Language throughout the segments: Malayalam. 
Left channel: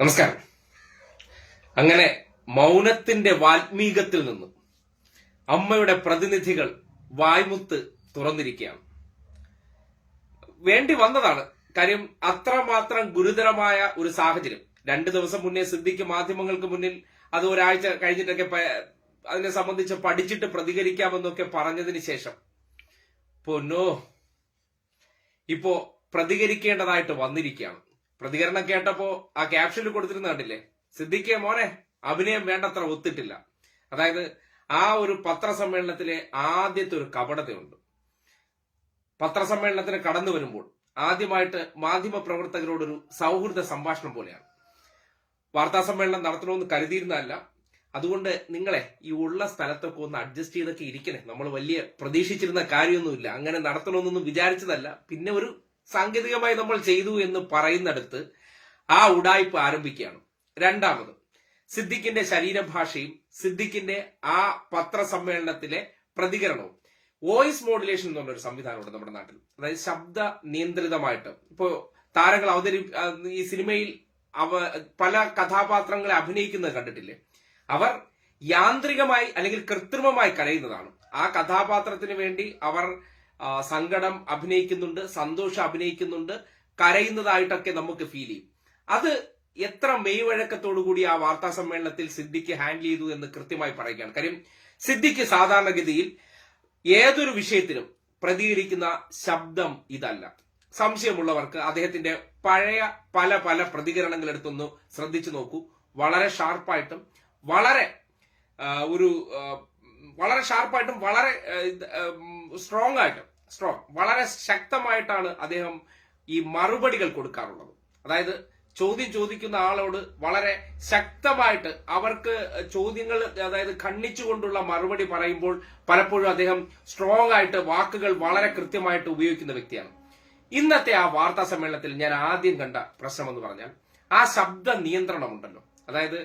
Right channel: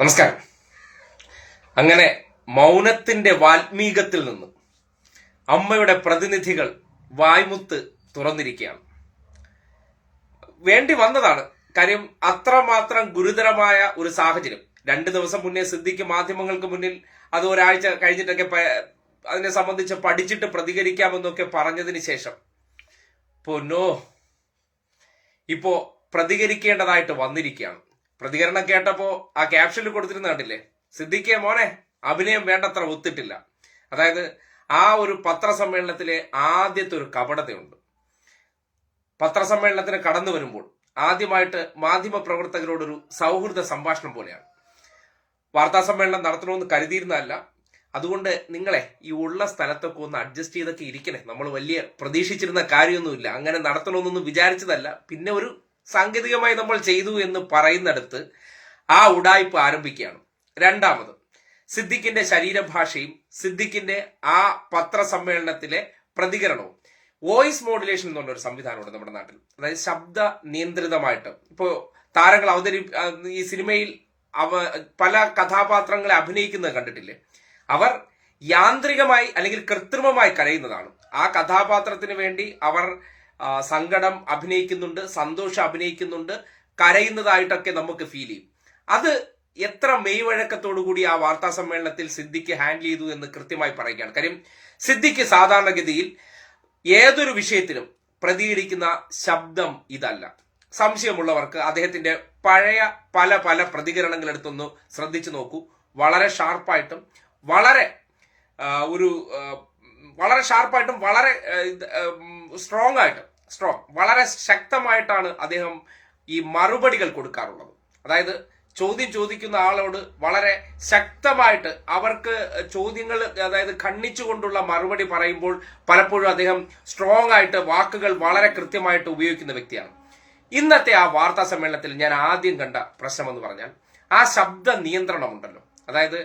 നമസ്കാരം. അങ്ങനെ മൗനത്തിന്റെ വാൽമീകത്തിൽ നിന്ന് അമ്മയുടെ പ്രതിനിധികൾ വായ്മുത്ത് തുറന്നിരിക്കുകയാണ്. വേണ്ടി വന്നതാണ്. കാര്യം അത്രമാത്രം ഗുരുതരമായ ഒരു സാഹചര്യം. രണ്ടു ദിവസം മുന്നേ സിദ്ധിക്ക് മാധ്യമങ്ങൾക്ക് മുന്നിൽ അത് ഒരാഴ്ച കഴിഞ്ഞിട്ടൊക്കെ അതിനെ സംബന്ധിച്ച് പഠിച്ചിട്ട് പ്രതികരിക്കാമെന്നൊക്കെ പറഞ്ഞതിന് ശേഷം പൊന്നോ ഇപ്പോ പ്രതികരിക്കേണ്ടതായിട്ട് വന്നിരിക്കുകയാണ്. പ്രതികരണം കേട്ടപ്പോ ആ ക്യാപ്ഷനിൽ കൊടുത്തിരുന്ന കണ്ടില്ലേ? സിദ്ദിഖെ മോനെ അഭിനയം വേണ്ടത്ര ഒത്തിട്ടില്ല. അതായത് ആ ഒരു പത്രസമ്മേളനത്തിലെ ആദ്യത്തെ ഒരു കപടതയുണ്ട്. പത്രസമ്മേളനത്തിന് കടന്നു വരുമ്പോൾ ആദ്യമായിട്ട് മാധ്യമ പ്രവർത്തകരോടൊരു സൗഹൃദ സംഭാഷണം പോലെയാണ്. വാർത്താ സമ്മേളനം നടത്തണമെന്ന് കരുതിയിരുന്നല്ല അതുകൊണ്ട് നിങ്ങളെ ഈ ഉള്ള സ്ഥലത്തൊക്കെ ഒന്ന് അഡ്ജസ്റ്റ് ചെയ്തൊക്കെ ഇരിക്കണേ. നമ്മൾ വലിയ പ്രതീക്ഷിച്ചിരുന്ന കാര്യമൊന്നുമില്ല. അങ്ങനെ നടത്തണമെന്നൊന്നും വിചാരിച്ചതല്ല. പിന്നെ ഒരു സാങ്കേതികമായി നമ്മൾ ചെയ്തു എന്ന് പറയുന്നിടത്ത് ആ ഉടായ്പ ആരംഭിക്കുകയാണ്. രണ്ടാമത് സിദ്ദിഖിന്റെ ശരീരഭാഷയും സിദ്ദിഖിന്റെ ആ പത്രസമ്മേളനത്തിലെ പ്രതികരണവും. വോയിസ് മോഡുലേഷൻ എന്ന് പറഞ്ഞൊരു സംവിധാനമുണ്ട് നമ്മുടെ നാട്ടിൽ. അതായത് ശബ്ദ നിയന്ത്രിതമായിട്ട്. ഇപ്പോ താരങ്ങൾ അവതരി ഈ സിനിമയിൽ അവ പല കഥാപാത്രങ്ങളെ അഭിനയിക്കുന്നത് കണ്ടിട്ടില്ലേ? അവർ യാന്ത്രികമായി അല്ലെങ്കിൽ കൃത്രിമമായി കരയുന്നതാണ്. ആ കഥാപാത്രത്തിന് വേണ്ടി അവർ സങ്കടം അഭിനയിക്കുന്നുണ്ട് സന്തോഷം അഭിനയിക്കുന്നുണ്ട് കരയുന്നതായിട്ടൊക്കെ നമുക്ക് ഫീൽ ചെയ്യും. അത് എത്ര മെയ്വഴക്കത്തോടു കൂടി ആ വാർത്താ സമ്മേളനത്തിൽ സിദ്ദിഖ് ഹാൻഡിൽ ചെയ്തു എന്ന് കൃത്യമായി പറയുകയാണ്. കാര്യം സിദ്ദിഖ് സാധാരണഗതിയിൽ ഏതൊരു വിഷയത്തിനും പ്രതികരിക്കുന്ന ശബ്ദം ഇതല്ല. സംശയമുള്ളവർക്ക് അദ്ദേഹത്തിന്റെ പഴയ പല പല പ്രതികരണങ്ങൾ എടുത്തൊന്ന് ശ്രദ്ധിച്ചു നോക്കൂ. വളരെ ഷാർപ്പായിട്ടും വളരെ ഒരു വളരെ ഷാർപ്പായിട്ടും വളരെ സ്ട്രോങ് ആയിട്ട് സ്ട്രോങ് വളരെ ശക്തമായിട്ടാണ് അദ്ദേഹം ഈ മറുപടികൾ കൊടുക്കാറുള്ളത്. അതായത് ചോദ്യം ചോദിക്കുന്ന ആളോട് വളരെ ശക്തമായിട്ട് അവർക്ക് ചോദ്യങ്ങൾ അതായത് ഖണ്ഡിച്ചുകൊണ്ടുള്ള മറുപടി പറയുമ്പോൾ പലപ്പോഴും അദ്ദേഹം സ്ട്രോങ് ആയിട്ട് വാക്കുകൾ വളരെ കൃത്യമായിട്ട് ഉപയോഗിക്കുന്ന വ്യക്തിയാണ്. ഇന്നത്തെ ആ വാർത്താ സമ്മേളനത്തിൽ ഞാൻ ആദ്യം കണ്ട പ്രശ്നമെന്ന് പറഞ്ഞാൽ ആ ശബ്ദ നിയന്ത്രണമുണ്ടല്ലോ. അതായത്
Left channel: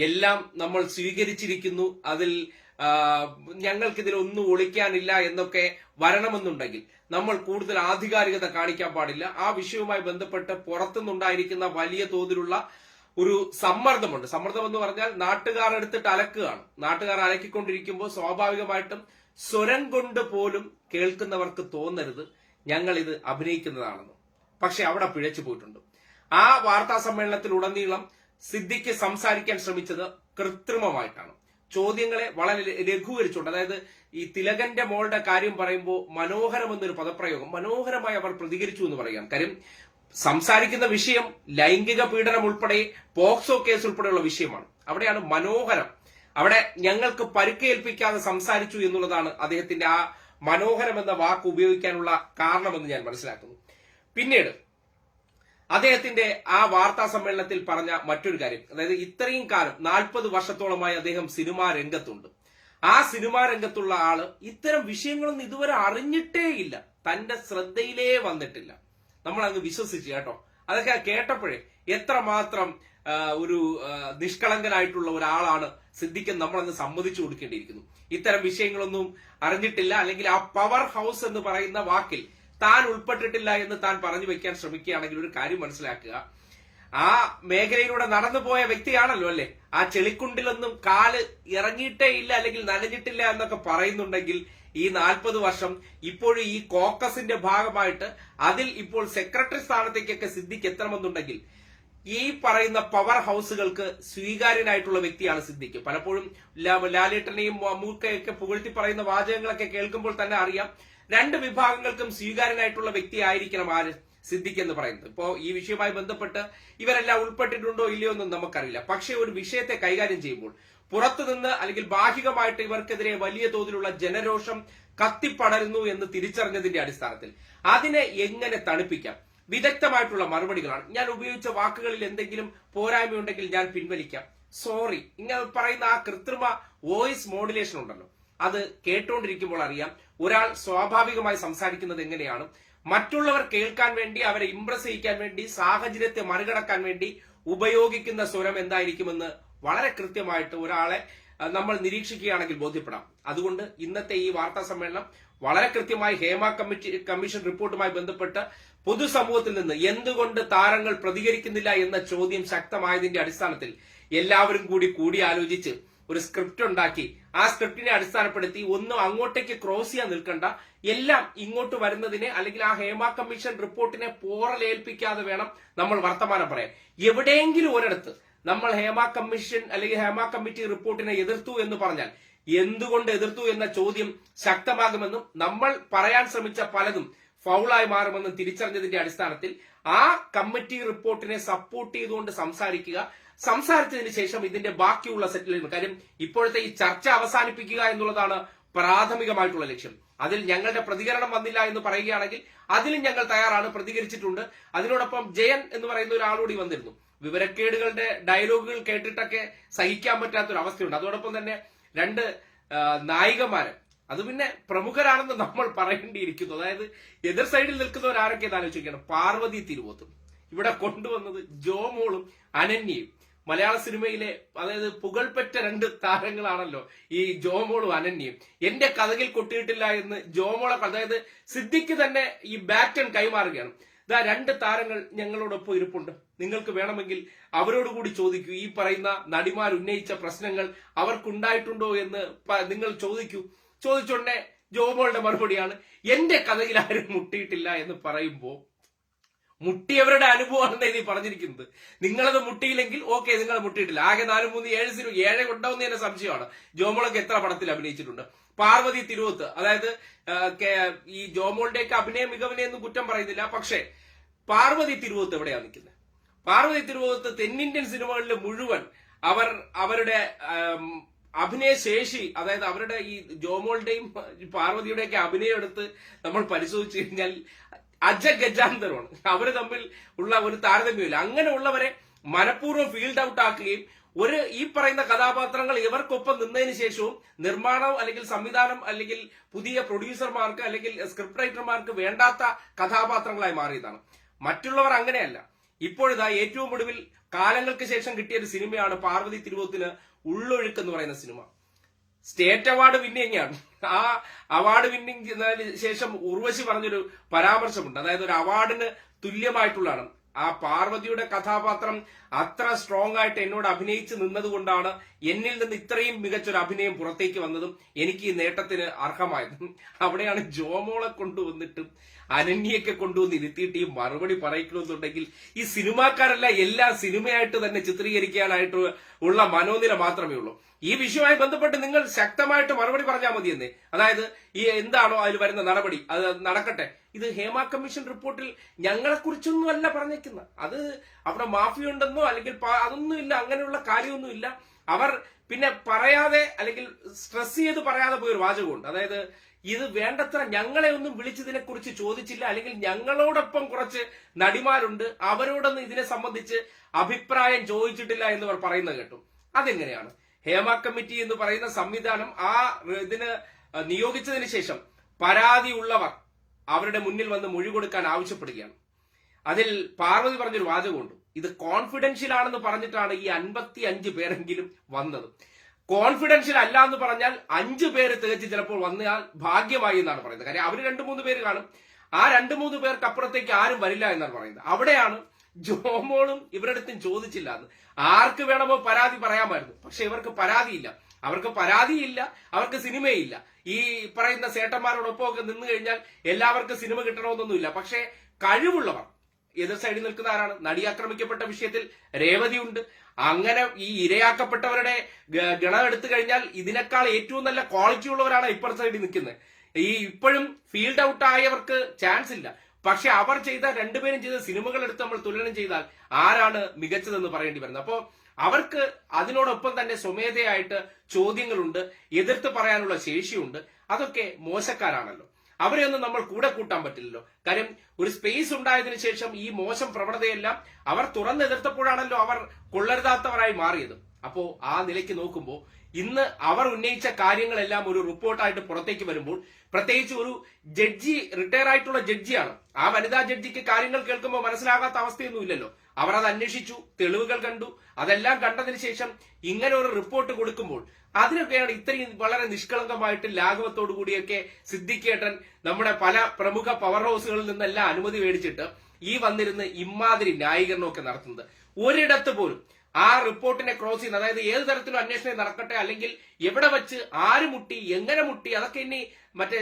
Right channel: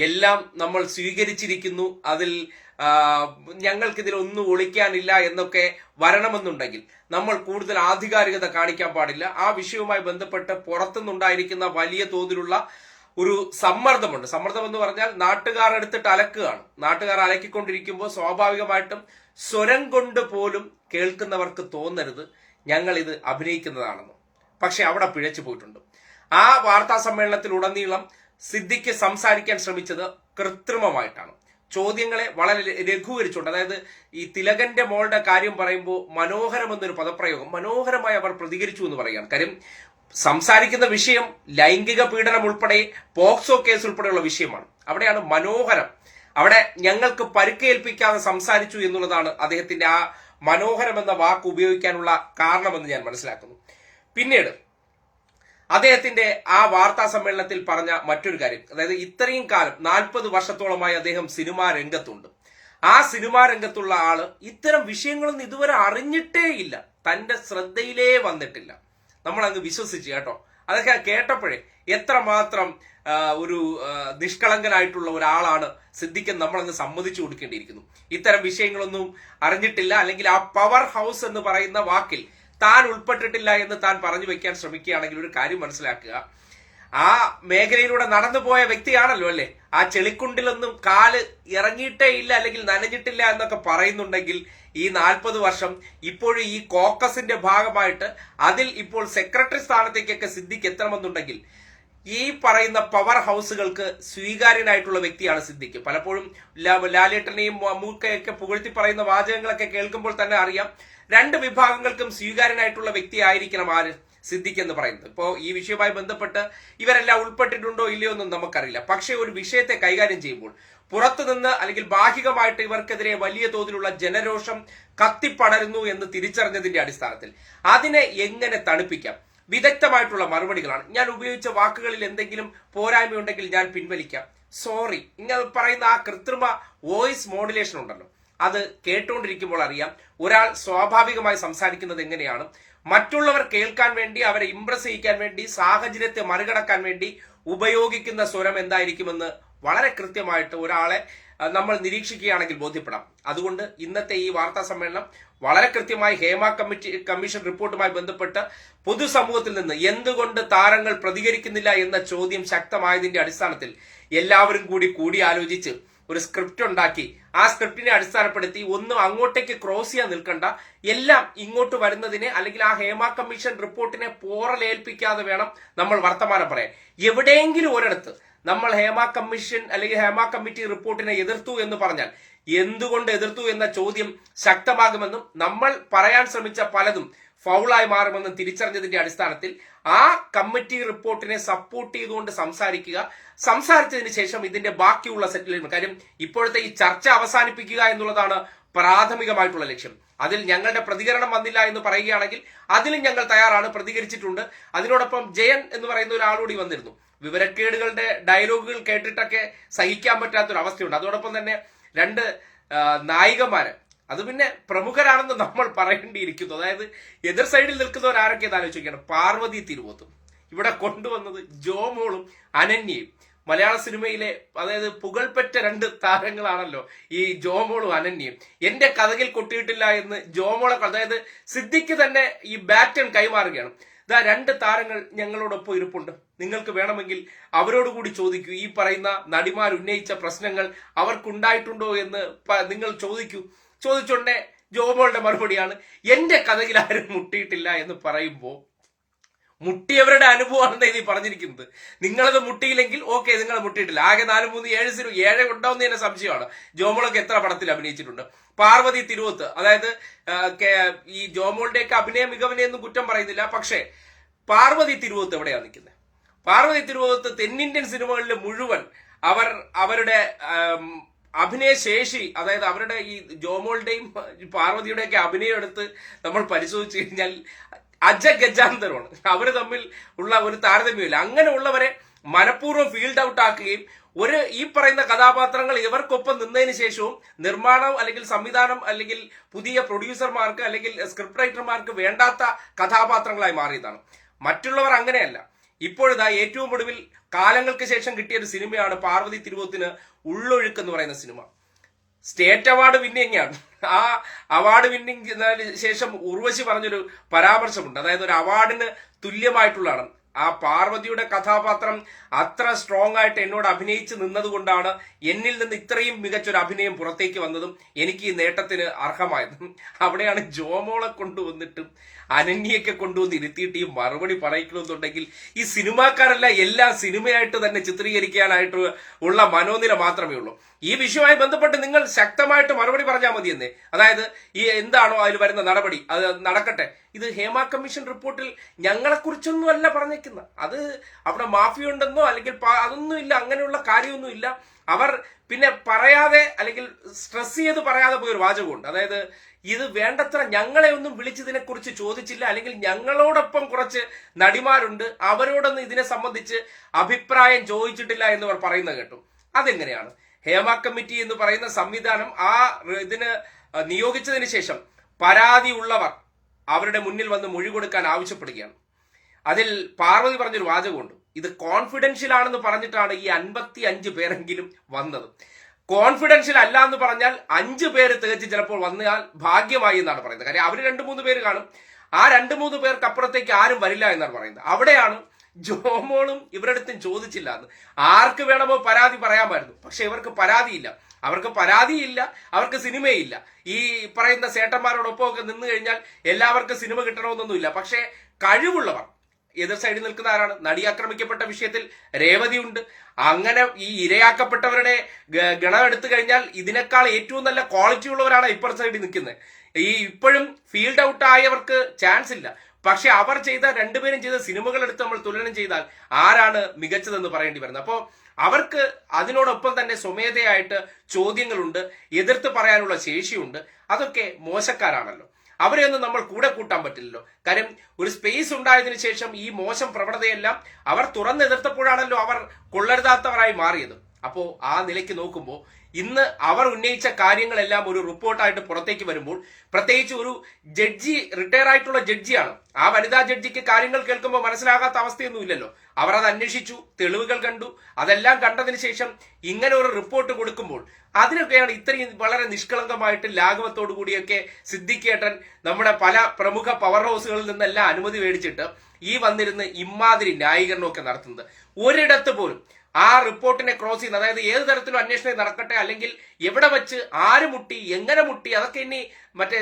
എല്ലാം നമ്മൾ സ്വീകരിച്ചിരിക്കുന്നു. അതിൽ ഞങ്ങൾക്കിതിൽ ഒന്നും ഒളിക്കാനില്ല എന്നൊക്കെ വരണമെന്നുണ്ടെങ്കിൽ നമ്മൾ കൂടുതൽ ആധികാരികത കാണിക്കാൻ പാടില്ല. ആ വിഷയവുമായി ബന്ധപ്പെട്ട് പുറത്തുനിന്നുണ്ടായിരിക്കുന്ന വലിയ തോതിലുള്ള ഒരു സമ്മർദ്ദമുണ്ട്. സമ്മർദ്ദം എന്ന് പറഞ്ഞാൽ നാട്ടുകാർ എടുത്തിട്ട് അലക്കുകയാണ്. നാട്ടുകാർ അലക്കിക്കൊണ്ടിരിക്കുമ്പോൾ സ്വാഭാവികമായിട്ടും സ്വരം കൊണ്ട് പോലും കേൾക്കുന്നവർക്ക് തോന്നരുത്. ഞങ്ങൾ ഇത് അഭിനയിക്കുന്നതാണെന്ന്. പക്ഷെ അവിടെ പിഴച്ചു പോയിട്ടുണ്ട്. ആ വാർത്താ സമ്മേളനത്തിലുടനീളം സിദ്ദിഖ് സംസാരിക്കാൻ ശ്രമിച്ചത് കൃത്രിമമായിട്ടാണ്. ചോദ്യങ്ങളെ വളരെ ലഘൂകരിച്ചുകൊണ്ട് അതായത് ഈ തിലകന്റെ മോളുടെ കാര്യം പറയുമ്പോൾ മനോഹരം എന്നൊരു പദപ്രയോഗം മനോഹരമായി അവർ പ്രതികരിച്ചു എന്ന് പറയാം കാര്യം സംസാരിക്കുന്ന വിഷയം ലൈംഗിക പീഡനം ഉൾപ്പെടെ പോക്സോ കേസ് ഉൾപ്പെടെയുള്ള വിഷയമാണ്. അവിടെയാണ് മനോഹരം. അവിടെ ഞങ്ങൾക്ക് പരുക്കേൽപ്പിക്കാതെ സംസാരിച്ചു എന്നുള്ളതാണ് അദ്ദേഹത്തിന്റെ ആ മനോഹരം എന്ന വാക്ക് ഉപയോഗിക്കാനുള്ള കാരണമെന്ന് ഞാൻ മനസ്സിലാക്കുന്നു. പിന്നീട് അദ്ദേഹത്തിന്റെ ആ വാർത്താ സമ്മേളനത്തിൽ പറഞ്ഞ മറ്റൊരു കാര്യം. അതായത് ഇത്രയും കാലം നാൽപ്പത് വർഷത്തോളമായി അദ്ദേഹം സിനിമാ രംഗത്തുണ്ട്. ആ സിനിമാ രംഗത്തുള്ള ആൾ ഇത്തരം വിഷയങ്ങളൊന്നും ഇതുവരെ അറിഞ്ഞിട്ടേ ഇല്ല. തന്റെ ശ്രദ്ധയിലേ വന്നിട്ടില്ല. നമ്മൾ അങ്ങ് വിശ്വസിച്ചു കേട്ടോ. അതൊക്കെ കേട്ടപ്പോഴേ എത്രമാത്രം ഒരു നിഷ്കളങ്കനായിട്ടുള്ള ഒരാളാണ് സിദ്ദിഖൻ നമ്മളങ്ങ് സമ്മതിച്ചു കൊടുക്കേണ്ടിയിരിക്കുന്നു. ഇത്തരം വിഷയങ്ങളൊന്നും അറിഞ്ഞിട്ടില്ല. അല്ലെങ്കിൽ ആ പവർ ഹൗസ് എന്ന് പറയുന്ന വാക്കിൽ താൻ ഉൾപ്പെട്ടിട്ടില്ല എന്ന് താൻ പറഞ്ഞു വെക്കാൻ ശ്രമിക്കുകയാണെങ്കിൽ ഒരു കാര്യം മനസ്സിലാക്കുക. ആ മേഖലയിലൂടെ നടന്നു പോയ വ്യക്തിയാണല്ലോ അല്ലേ? ആ ചെളിക്കുണ്ടിലൊന്നും കാൽ ഇറങ്ങിയിട്ടേ ഇല്ല അല്ലെങ്കിൽ നനഞ്ഞിട്ടില്ല എന്നൊക്കെ പറയുന്നുണ്ടെങ്കിൽ ഈ നാൽപ്പത് വർഷം ഇപ്പോഴും ഈ കോക്കസിന്റെ ഭാഗമായിട്ട് അതിൽ ഇപ്പോൾ സെക്രട്ടറി സ്ഥാനത്തേക്കൊക്കെ സിദ്ദിഖ് എത്തണമെന്നുണ്ടെങ്കിൽ ഈ പറയുന്ന പവർ ഹൗസുകൾക്ക് സ്വീകാര്യനായിട്ടുള്ള വ്യക്തിയാണ് സിദ്ദിഖ് പലപ്പോഴും ലാലേട്ടനെയും മമ്മൂക്കയൊക്കെ പുകഴ്ത്തി പറയുന്ന വാചകങ്ങളൊക്കെ കേൾക്കുമ്പോൾ തന്നെ അറിയാം. രണ്ട് വിഭാഗങ്ങൾക്കും സ്വീകാര്യനായിട്ടുള്ള വ്യക്തിയായിരിക്കണം ആര്? സിദ്ദിഖ് എന്ന് പറയുന്നത്. ഇപ്പോ ഈ വിഷയവുമായി ബന്ധപ്പെട്ട് ഇവരെല്ലാം ഉൾപ്പെട്ടിട്ടുണ്ടോ ഇല്ലയോ എന്നും നമുക്കറിയില്ല. പക്ഷേ ഒരു വിഷയത്തെ കൈകാര്യം ചെയ്യുമ്പോൾ പുറത്തുനിന്ന് അല്ലെങ്കിൽ ബാഹികമായിട്ട് ഇവർക്കെതിരെ വലിയ തോതിലുള്ള ജനരോഷം കത്തിപ്പടരുന്നു എന്ന് തിരിച്ചറിഞ്ഞതിന്റെ അടിസ്ഥാനത്തിൽ അതിനെ എങ്ങനെ തണുപ്പിക്കാം? വിദഗ്ധമായിട്ടുള്ള മറുപടികളാണ്. ഞാൻ ഉപയോഗിച്ച വാക്കുകളിൽ എന്തെങ്കിലും പോരായ്മയുണ്ടെങ്കിൽ ഞാൻ പിൻവലിക്കാം. സോറി. ഇങ്ങനെ പറയുന്ന ആ കൃത്രിമ വോയിസ് മോഡുലേഷൻ ഉണ്ടല്ലോ. അത് കേട്ടുകൊണ്ടിരിക്കുമ്പോൾ അറിയാം ഒരാൾ സ്വാഭാവികമായി സംസാരിക്കുന്നത് എങ്ങനെയാണ്. മറ്റുള്ളവർ കേൾക്കാൻ വേണ്ടി അവരെ ഇംപ്രസ് ചെയ്യിക്കാൻ വേണ്ടി സാഹചര്യത്തെ മറികടക്കാൻ വേണ്ടി ഉപയോഗിക്കുന്ന സ്വരം എന്തായിരിക്കുമെന്ന് വളരെ കൃത്യമായിട്ട് ഒരാളെ നമ്മൾ നിരീക്ഷിക്കുകയാണെങ്കിൽ ബോധ്യപ്പെടാം. അതുകൊണ്ട് ഇന്നത്തെ ഈ വാർത്താ സമ്മേളനം വളരെ കൃത്യമായി ഹേമ കമ്മിറ്റി കമ്മീഷൻ റിപ്പോർട്ടുമായി ബന്ധപ്പെട്ട് പൊതുസമൂഹത്തിൽ നിന്ന് എന്തുകൊണ്ട് താരങ്ങൾ പ്രതികരിക്കുന്നില്ല എന്ന ചോദ്യം ശക്തമായതിന്റെ അടിസ്ഥാനത്തിൽ എല്ലാവരും കൂടി കൂടിയാലോചിച്ച് ഒരു സ്ക്രിപ്റ്റ് ഉണ്ടാക്കി. ആ സ്ക്രിപ്റ്റിനെ അടിസ്ഥാനപ്പെടുത്തി ഒന്നും അങ്ങോട്ടേക്ക് ക്രോസ് ചെയ്യാൻ നിൽക്കണ്ട. എല്ലാം ഇങ്ങോട്ട് വരുന്നതിനെ അല്ലെങ്കിൽ ആ ഹേമ കമ്മീഷൻ റിപ്പോർട്ടിനെ പോറലേൽപ്പിക്കാതെ വേണം നമ്മൾ വർത്തമാനം പറയാൻ. എവിടെയെങ്കിലും ഒരിടത്ത് നമ്മൾ ഹേമ കമ്മീഷൻ അല്ലെങ്കിൽ ഹേമ കമ്മിറ്റി റിപ്പോർട്ടിനെ എതിർത്തു എന്ന് പറഞ്ഞാൽ എന്തുകൊണ്ട് എതിർത്തു എന്ന ചോദ്യം ശക്തമാകുമെന്നും നമ്മൾ പറയാൻ ശ്രമിച്ച പലതും ഫൗളായി മാറുമെന്നും തിരിച്ചറിഞ്ഞതിന്റെ അടിസ്ഥാനത്തിൽ ആ കമ്മിറ്റി റിപ്പോർട്ടിനെ സപ്പോർട്ട് ചെയ്തുകൊണ്ട് സംസാരിക്കുക സംസാരിച്ചതിന് ശേഷം ഇതിന്റെ ബാക്കിയുള്ള സെറ്റിൽമെന്റ് കാര്യം ഇപ്പോഴത്തെ ഈ ചർച്ച അവസാനിപ്പിക്കുക എന്നുള്ളതാണ് പ്രാഥമികമായിട്ടുള്ള ലക്ഷ്യം. അതിൽ ഞങ്ങളുടെ പ്രതികരണം വന്നില്ല എന്ന് പറയുകയാണെങ്കിൽ അതിലും ഞങ്ങൾ തയ്യാറാണ് പ്രതികരിച്ചിട്ടുണ്ട്. അതിനോടൊപ്പം ജയൻ എന്ന് പറയുന്ന ഒരാളൂടി വന്നിരുന്നു. വിവരക്കേടുകളുടെ ഡയലോഗുകൾ കേട്ടിട്ടൊക്കെ സഹിക്കാൻ പറ്റാത്തൊരു അവസ്ഥയുണ്ട്. അതോടൊപ്പം തന്നെ രണ്ട് നായികമാര്. അത് പിന്നെ പ്രമുഖരാണെന്ന് നമ്മൾ പറയേണ്ടിയിരിക്കുന്നു. അതായത് എതിർ സൈഡിൽ നിൽക്കുന്നവർ ആരൊക്കെ ആലോചിക്കണം പാർവതി തിരുവോത്തും. ഇവിടെ കൊണ്ടുവന്നത് ജോമോളും അനന്യയും. മലയാള സിനിമയിലെ അതായത് പുകൾപ്പെട്ട രണ്ട് താരങ്ങളാണല്ലോ ഈ ജോമോളും അനന്യയും. എന്റെ കഥകിൽ കൊട്ടിയിട്ടില്ല എന്ന് ജോമോളെ അതായത് സിദ്ദിഖ് തന്നെ ഈ ബാറ്റൺ കൈമാറുകയാണ്. ഇതാ രണ്ട് താരങ്ങൾ ഞങ്ങളോടൊപ്പം ഇരിപ്പുണ്ട്. നിങ്ങൾക്ക് വേണമെങ്കിൽ അവരോട് കൂടി ചോദിക്കൂ. ഈ പറയുന്ന നടിമാർ ഉന്നയിച്ച പ്രശ്നങ്ങൾ അവർക്കുണ്ടായിട്ടുണ്ടോ എന്ന് നിങ്ങൾ ചോദിക്കൂ. ചോദിച്ചോണ്ടേ ജോമോളുടെ മറുപടിയാണ് എന്റെ കഥയിൽ ആരും മുട്ടിയിട്ടില്ല എന്ന് പറയുമ്പോൾ മുട്ടിയവരുടെ അനുഭവമാണ് ഇത് പറഞ്ഞിരിക്കുന്നത്. നിങ്ങളത് മുട്ടിയില്ലെങ്കിൽ ഓക്കെ നിങ്ങൾ മുട്ടിയിട്ടില്ല. ആകെ നാല് മൂന്ന് ഏഴ് സിനിമ ഏഴ് ഉണ്ടാവുന്ന തന്നെ സംശയമാണ്. ജോമോളൊക്കെ എത്ര പടത്തിൽ അഭിനയിച്ചിട്ടുണ്ട്. പാർവതി തിരുവത്ത് അതായത് ഈ ജോമോളുടെയൊക്കെ അഭിനയ മികവിനെയൊന്നും കുറ്റം പറയുന്നില്ല. പക്ഷേ പാർവതി തിരുവത്ത് എവിടെയാണ് നിൽക്കുന്നത്? പാർവതി തിരുവത്ത് തെന്നിന്ത്യൻ സിനിമകളിൽ മുഴുവൻ അവർ അവരുടെ അഭിനയ ശേഷി അതായത് അവരുടെ ഈ ജോമോളുടെയും പാർവതിയുടെയൊക്കെ അഭിനയം എടുത്ത് നമ്മൾ പരിശോധിച്ചു കഴിഞ്ഞാൽ അജഗജാന്തരമാണ്. അവർ തമ്മിൽ ഉള്ള ഒരു താരതമ്യമില്ല. അങ്ങനെയുള്ളവരെ മനഃപൂർവം ഫീൽഡ് ഔട്ട് ആക്കുകയും ഒരു ഈ പറയുന്ന കഥാപാത്രങ്ങൾ ഇവർക്കൊപ്പം നിന്നതിന് ശേഷവും നിർമ്മാണം അല്ലെങ്കിൽ സംവിധാനം അല്ലെങ്കിൽ പുതിയ പ്രൊഡ്യൂസർമാർക്ക് അല്ലെങ്കിൽ സ്ക്രിപ്റ്റ് റൈറ്റർമാർക്ക് വേണ്ടാത്ത കഥാപാത്രങ്ങളായി മാറിയതാണ്. മറ്റുള്ളവർ അങ്ങനെയല്ല. ഇപ്പോഴിതാ ഏറ്റവും ഒടുവിൽ കാലങ്ങൾക്ക് ശേഷം കിട്ടിയ ഒരു സിനിമയാണ് പാർവതി തിരുവോത്തിന് ഉള്ളൊഴുക്ക് എന്ന് പറയുന്ന സിനിമ. സ്റ്റേറ്റ് അവാർഡ് വിന്നിങ്ങാണ് ആ അവാർഡ് വിന്നിങ് ശേഷം ഉർവശി പറഞ്ഞൊരു പരാമർശമുണ്ട്. അതായത് ഒരു അവാർഡിന് തുല്യമായിട്ടുള്ളതാണ്. ആ പാർവതിയുടെ കഥാപാത്രം അത്ര സ്ട്രോങ് ആയിട്ട് എന്നോട് അഭിനയിച്ച് നിന്നതുകൊണ്ടാണ് എന്നിൽ നിന്ന് ഇത്രയും മികച്ചൊരു അഭിനയം പുറത്തേക്ക് വന്നതും എനിക്ക് ഈ നേട്ടത്തിന് അർഹമായതും. അവിടെയാണ് ജോമോളെ കൊണ്ടുവന്നിട്ടും അനന്യയൊക്കെ കൊണ്ടുവന്ന് ഇരുത്തിയിട്ട് ഈ മറുപടി പറയിക്കണമെന്നുണ്ടെങ്കിൽ ഈ സിനിമാക്കാരല്ല എല്ലാ സിനിമയായിട്ട് തന്നെ ചിത്രീകരിക്കാനായിട്ട് ഉള്ള മനോനില മാത്രമേ ഉള്ളൂ. ഈ വിഷയവുമായി ബന്ധപ്പെട്ട് നിങ്ങൾ ശക്തമായിട്ട് മറുപടി പറഞ്ഞാൽ മതിയെന്നേ. അതായത് ഈ എന്താണോ അതിൽ വരുന്ന നടപടി അത് നടക്കട്ടെ. ഇത് ഹേമ കമ്മീഷൻ റിപ്പോർട്ടിൽ ഞങ്ങളെക്കുറിച്ചൊന്നുമല്ല പറഞ്ഞേക്കുന്നത്. അത് അവിടെ മാഫിയ ഉണ്ടെന്നോ അല്ലെങ്കിൽ അതൊന്നുമില്ല അങ്ങനെയുള്ള കാര്യമൊന്നുമില്ല അവർ പിന്നെ പറയാതെ അല്ലെങ്കിൽ സ്ട്രെസ് ചെയ്ത് പറയാതെ പോയൊരു വാചകമുണ്ട്. അതായത് ഇത് വേണ്ടത്ര ഞങ്ങളെ ഒന്നും വിളിച്ചതിനെ കുറിച്ച് ചോദിച്ചില്ല. അല്ലെങ്കിൽ ഞങ്ങളോടൊപ്പം കുറച്ച് നടിമാരുണ്ട്. അവരോടൊന്നും ഇതിനെ സംബന്ധിച്ച് അഭിപ്രായം ചോദിച്ചിട്ടില്ല എന്നവർ പറയുന്നത് കേട്ടു. അതെങ്ങനെയാണ്? ഹേമ കമ്മിറ്റി എന്ന് പറയുന്ന സംവിധാനം ആ ഇതിന് നിയോഗിച്ചതിന് ശേഷം പരാതി ഉള്ളവർ അവരുടെ മുന്നിൽ വന്ന് മൊഴി കൊടുക്കാൻ ആവശ്യപ്പെടുകയാണ്. അതിൽ പാർവതി പറഞ്ഞൊരു വാചകമുണ്ട്. ഇത് കോൺഫിഡൻഷ്യൽ ആണെന്ന് പറഞ്ഞിട്ടാണ് ഈ അൻപത്തി അഞ്ച് പേരെങ്കിലും വന്നത്. കോൺഫിഡൻഷ്യൽ അല്ല എന്ന് പറഞ്ഞാൽ അഞ്ച് പേര് തികച്ച് ചിലപ്പോൾ വന്നാൽ ഭാഗ്യമായി എന്നാണ് പറയുന്നത്. കാര്യം അവർ രണ്ട് മൂന്ന് പേര് കാണും. ആ രണ്ട് മൂന്ന് പേർക്ക് അപ്പുറത്തേക്ക് ആരും വരില്ല എന്നാണ് പറയുന്നത്. അവിടെയാണ് ജോമോളും ഇവരടുത്തും ചോദിച്ചില്ല എന്ന്. ആർക്ക് വേണമോ പരാതി പറയാമായിരുന്നു. പക്ഷെ ഇവർക്ക് പരാതിയില്ല. അവർക്ക് പരാതിയില്ല. അവർക്ക് സിനിമയില്ല. ഈ പറയുന്ന സേട്ടന്മാരോടൊപ്പം ഒക്കെ നിന്ന് കഴിഞ്ഞാൽ എല്ലാവർക്കും സിനിമ കിട്ടണമെന്നൊന്നുമില്ല. പക്ഷേ കഴിവുള്ളവർ എതിർ സൈഡിൽ നിൽക്കുന്ന ആരാണ്? നടി ആക്രമിക്കപ്പെട്ട വിഷയത്തിൽ രേവതിയുണ്ട് അങ്ങനെ ഈ ഇരയാക്കപ്പെട്ടവരുടെ ഗണം എടുത്തു കഴിഞ്ഞാൽ ഇതിനേക്കാൾ ഏറ്റവും നല്ല ക്വാളിറ്റി ഉള്ളവരാണ് ഇപ്പർ സൈഡിൽ നിൽക്കുന്നത്. ഈ ഇപ്പോഴും ഫീൽഡ് ഔട്ട് ആയവർക്ക് ചാൻസ് ഇല്ല. പക്ഷെ അവർ ചെയ്ത രണ്ടുപേരും ചെയ്ത സിനിമകൾ എടുത്ത് നമ്മൾ തുലനം ചെയ്താൽ ആരാണ് മികച്ചതെന്ന് പറയേണ്ടി വരുന്നത്. അപ്പോൾ അവർക്ക് അതിനോടൊപ്പം തന്നെ സ്വമേധയായിട്ട് ചോദ്യങ്ങളുണ്ട് എതിർത്ത് പറയാനുള്ള ശേഷിയുണ്ട്. അതൊക്കെ മോശക്കാരാണല്ലോ. അവരെയൊന്നും നമ്മൾ കൂടെ കൂട്ടാൻ പറ്റില്ലല്ലോ. കാര്യം ഒരു സ്പേസ് ഉണ്ടായതിനു ശേഷം ഈ മോശം പ്രവണതയെല്ലാം അവർ തുറന്നെതിർത്തപ്പോഴാണല്ലോ അവർ കൊള്ളരുതാത്തവരായി മാറിയത്. അപ്പോ ആ നിലയ്ക്ക് നോക്കുമ്പോൾ ഇന്ന് അവർ ഉന്നയിച്ച കാര്യങ്ങളെല്ലാം ഒരു റിപ്പോർട്ടായിട്ട് പുറത്തേക്ക് വരുമ്പോൾ പ്രത്യേകിച്ച് ഒരു ജഡ്ജി റിട്ടയർ ആയിട്ടുള്ള ജഡ്ജിയാണ്. ആ വനിതാ ജഡ്ജിക്ക് കാര്യങ്ങൾ കേൾക്കുമ്പോൾ മനസ്സിലാകാത്ത അവസ്ഥയൊന്നുമില്ലല്ലോ. അവർ അത് അന്വേഷിച്ചു തെളിവുകൾ കണ്ടു. അതെല്ലാം കണ്ടതിന് ശേഷം ഇങ്ങനെ ഒരു റിപ്പോർട്ട് കൊടുക്കുമ്പോൾ അതിനൊക്കെയാണ് ഇത്രയും വളരെ നിഷ്കളങ്കമായിട്ട് ലാഘവത്തോടു കൂടിയൊക്കെ സിദ്ധിക്കേട്ടൻ നമ്മുടെ പല പ്രമുഖ പവർ ഹൗസുകളിൽ നിന്നെല്ലാം അനുമതി മേടിച്ചിട്ട് ഈ വന്നിരുന്ന് ഇമാതിരി ന്യായീകരണമൊക്കെ നടത്തുന്നത്. ഒരിടത്ത് പോലും ആ റിപ്പോർട്ടിനെ ക്രോസ് ചെയ്യുന്ന അതായത് ഏത് തരത്തിലും അന്വേഷണം നടക്കട്ടെ അല്ലെങ്കിൽ എവിടെ വെച്ച് ആര് മുട്ടി എങ്ങനെ മുട്ടി അതൊക്കെ ഇനി മറ്റേ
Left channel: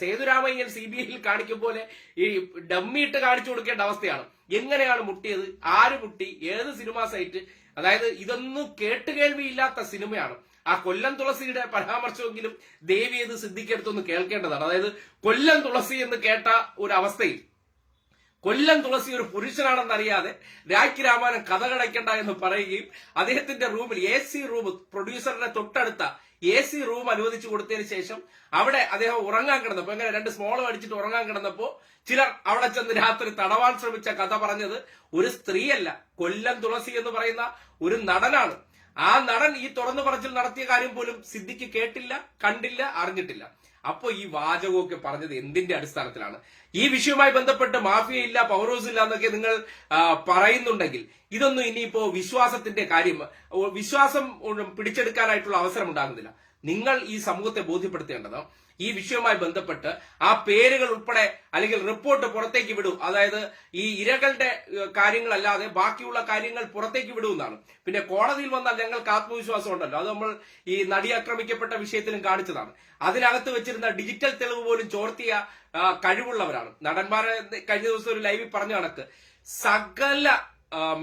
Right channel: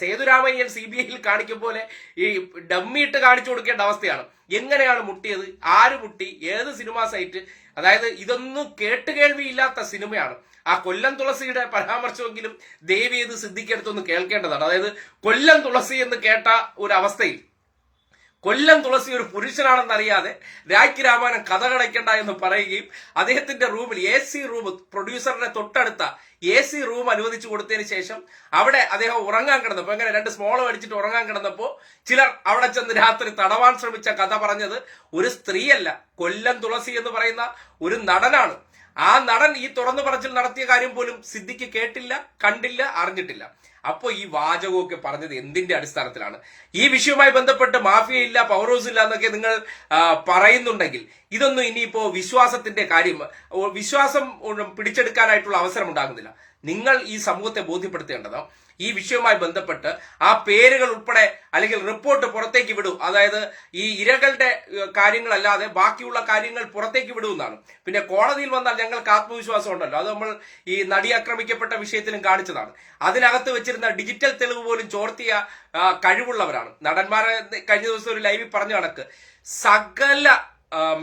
സേതുരാമയ്യൻ സി ബി ഐയിൽ കാണിക്കും പോലെ ഈ ഡമ്മി ഇട്ട് കാണിച്ചു കൊടുക്കേണ്ട അവസ്ഥയാണ്. എങ്ങനെയാണ് മുട്ടിയത് ആര് മുട്ടി ഏത് സിനിമാ സൈറ്റ് അതായത് ഇതൊന്നും കേട്ടുകേൾവിയില്ലാത്ത സിനിമയാണ്. ആ കൊല്ലം തുളസിയുടെ പരാമർശമെങ്കിലും ദേവി ഇത് സിദ്ധിക്കെടുത്തൊന്ന് കേൾക്കേണ്ടതാണ്. അതായത് കൊല്ലം തുളസി എന്ന് കേട്ട ഒരു അവസ്ഥയിൽ കൊല്ലം തുളസി ഒരു പുരുഷനാണെന്ന് അറിയാതെ രാഖി രാമായണം കഥ കടയ്ക്കണ്ട എന്ന് പറയുകയും അദ്ദേഹത്തിന്റെ റൂമിൽ എ സി റൂം പ്രൊഡ്യൂസറിന്റെ തൊട്ടടുത്ത എ സി റൂം അനുവദിച്ചു കൊടുത്തതിന് ശേഷം അവിടെ അദ്ദേഹം ഉറങ്ങാൻ കിടന്നപ്പോൾ എങ്ങനെ രണ്ട് സ്മോൾ അടിച്ചിട്ട് ഉറങ്ങാൻ കിടന്നപ്പോൾ ചിലർ അവിടെ ചെന്ന് രാത്രി തടവാൻ ശ്രമിച്ച കഥ പറഞ്ഞത് ഒരു സ്ത്രീയല്ല കൊല്ലം തുളസി എന്ന് പറയുന്ന ഒരു നടനാണ്. ആ നടൻ ഈ തുറന്നു പറച്ചിൽ നടത്തിയ കാര്യം പോലും സിദ്ദിഖ് കേട്ടില്ല കണ്ടില്ല അറിഞ്ഞിട്ടില്ല. അപ്പോ ഈ വാചകമൊക്കെ പറഞ്ഞത് എന്തിന്റെ അടിസ്ഥാനത്തിലാണ്? ഈ വിഷയവുമായി ബന്ധപ്പെട്ട് മാഫിയ ഇല്ല പവർ ഹൗസ് ഇല്ല എന്നൊക്കെ നിങ്ങൾ പറയുന്നുണ്ടെങ്കിൽ ഇതൊന്നും ഇനിയിപ്പോ വിശ്വാസത്തിന്റെ കാര്യം വിശ്വാസം പിടിച്ചെടുക്കാനായിട്ടുള്ള അവസരം ഉണ്ടാകുന്നില്ല. നിങ്ങൾ ഈ സമൂഹത്തെ ബോധ്യപ്പെടുത്തേണ്ടത് ഈ വിഷയവുമായി ബന്ധപ്പെട്ട് ആ പേരുകൾ ഉൾപ്പെടെ അല്ലെങ്കിൽ റിപ്പോർട്ട് പുറത്തേക്ക് വിടും. അതായത് ഈ ഇരകളുടെ കാര്യങ്ങളല്ലാതെ ബാക്കിയുള്ള കാര്യങ്ങൾ പുറത്തേക്ക് വിടുമെന്നാണ് പിന്നെ കോടതിയിൽ വന്നാൽ ഞങ്ങൾക്ക് ആത്മവിശ്വാസം ഉണ്ടല്ലോ. അത് നമ്മൾ ഈ നടി ആക്രമിക്കപ്പെട്ട വിഷയത്തിലും കാണിച്ചതാണ്. അതിനകത്ത് വെച്ചിരുന്ന ഡിജിറ്റൽ തെളിവ് പോലും ചോർത്തിയ കഴിവുള്ളവരാണ്. നടന്മാരെ കഴിഞ്ഞ ദിവസം ഒരു ലൈവിൽ പറഞ്ഞ കണക്ക്. സകല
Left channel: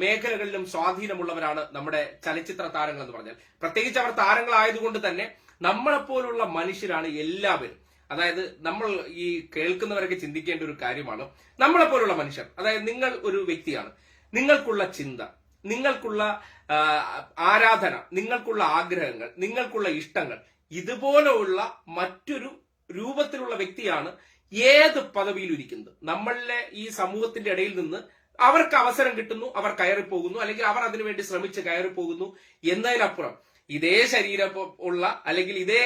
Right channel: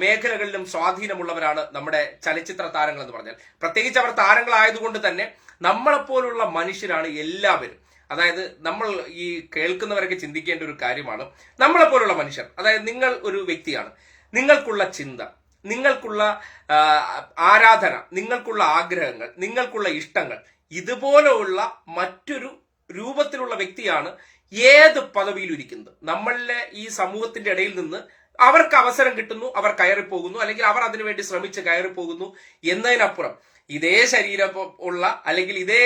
മേഖലകളിലും സ്വാധീനമുള്ളവരാണ് നമ്മുടെ ചലച്ചിത്ര താരങ്ങൾ എന്ന് പറഞ്ഞാൽ. പ്രത്യേകിച്ച് അവർ താരങ്ങളായതുകൊണ്ട് തന്നെ നമ്മളെപ്പോലുള്ള മനുഷ്യരാണ് എല്ലാവരും. അതായത് നമ്മൾ ഈ കേൾക്കുന്നവരൊക്കെ ചിന്തിക്കേണ്ട ഒരു കാര്യമാണ്. നമ്മളെപ്പോലുള്ള മനുഷ്യർ അതായത് നിങ്ങൾ ഒരു വ്യക്തിയാണ്. നിങ്ങൾക്കുള്ള ചിന്ത നിങ്ങൾക്കുള്ള ആരാധന നിങ്ങൾക്കുള്ള ആഗ്രഹങ്ങൾ നിങ്ങൾക്കുള്ള ഇഷ്ടങ്ങൾ ഇതുപോലെയുള്ള മറ്റൊരു രൂപത്തിലുള്ള വ്യക്തിയാണ് ഏത് പദവിയിലിരിക്കുന്നത്. നമ്മളിലെ ഈ സമൂഹത്തിന്റെ ഇടയിൽ നിന്ന് അവർക്ക് അവസരം കിട്ടുന്നു അവർ കയറിപ്പോകുന്നു അല്ലെങ്കിൽ അവർ അതിനുവേണ്ടി ശ്രമിച്ച് കയറിപ്പോകുന്നു എന്നതിനപ്പുറം ഇതേ ശരീരം ഉള്ള അല്ലെങ്കിൽ ഇതേ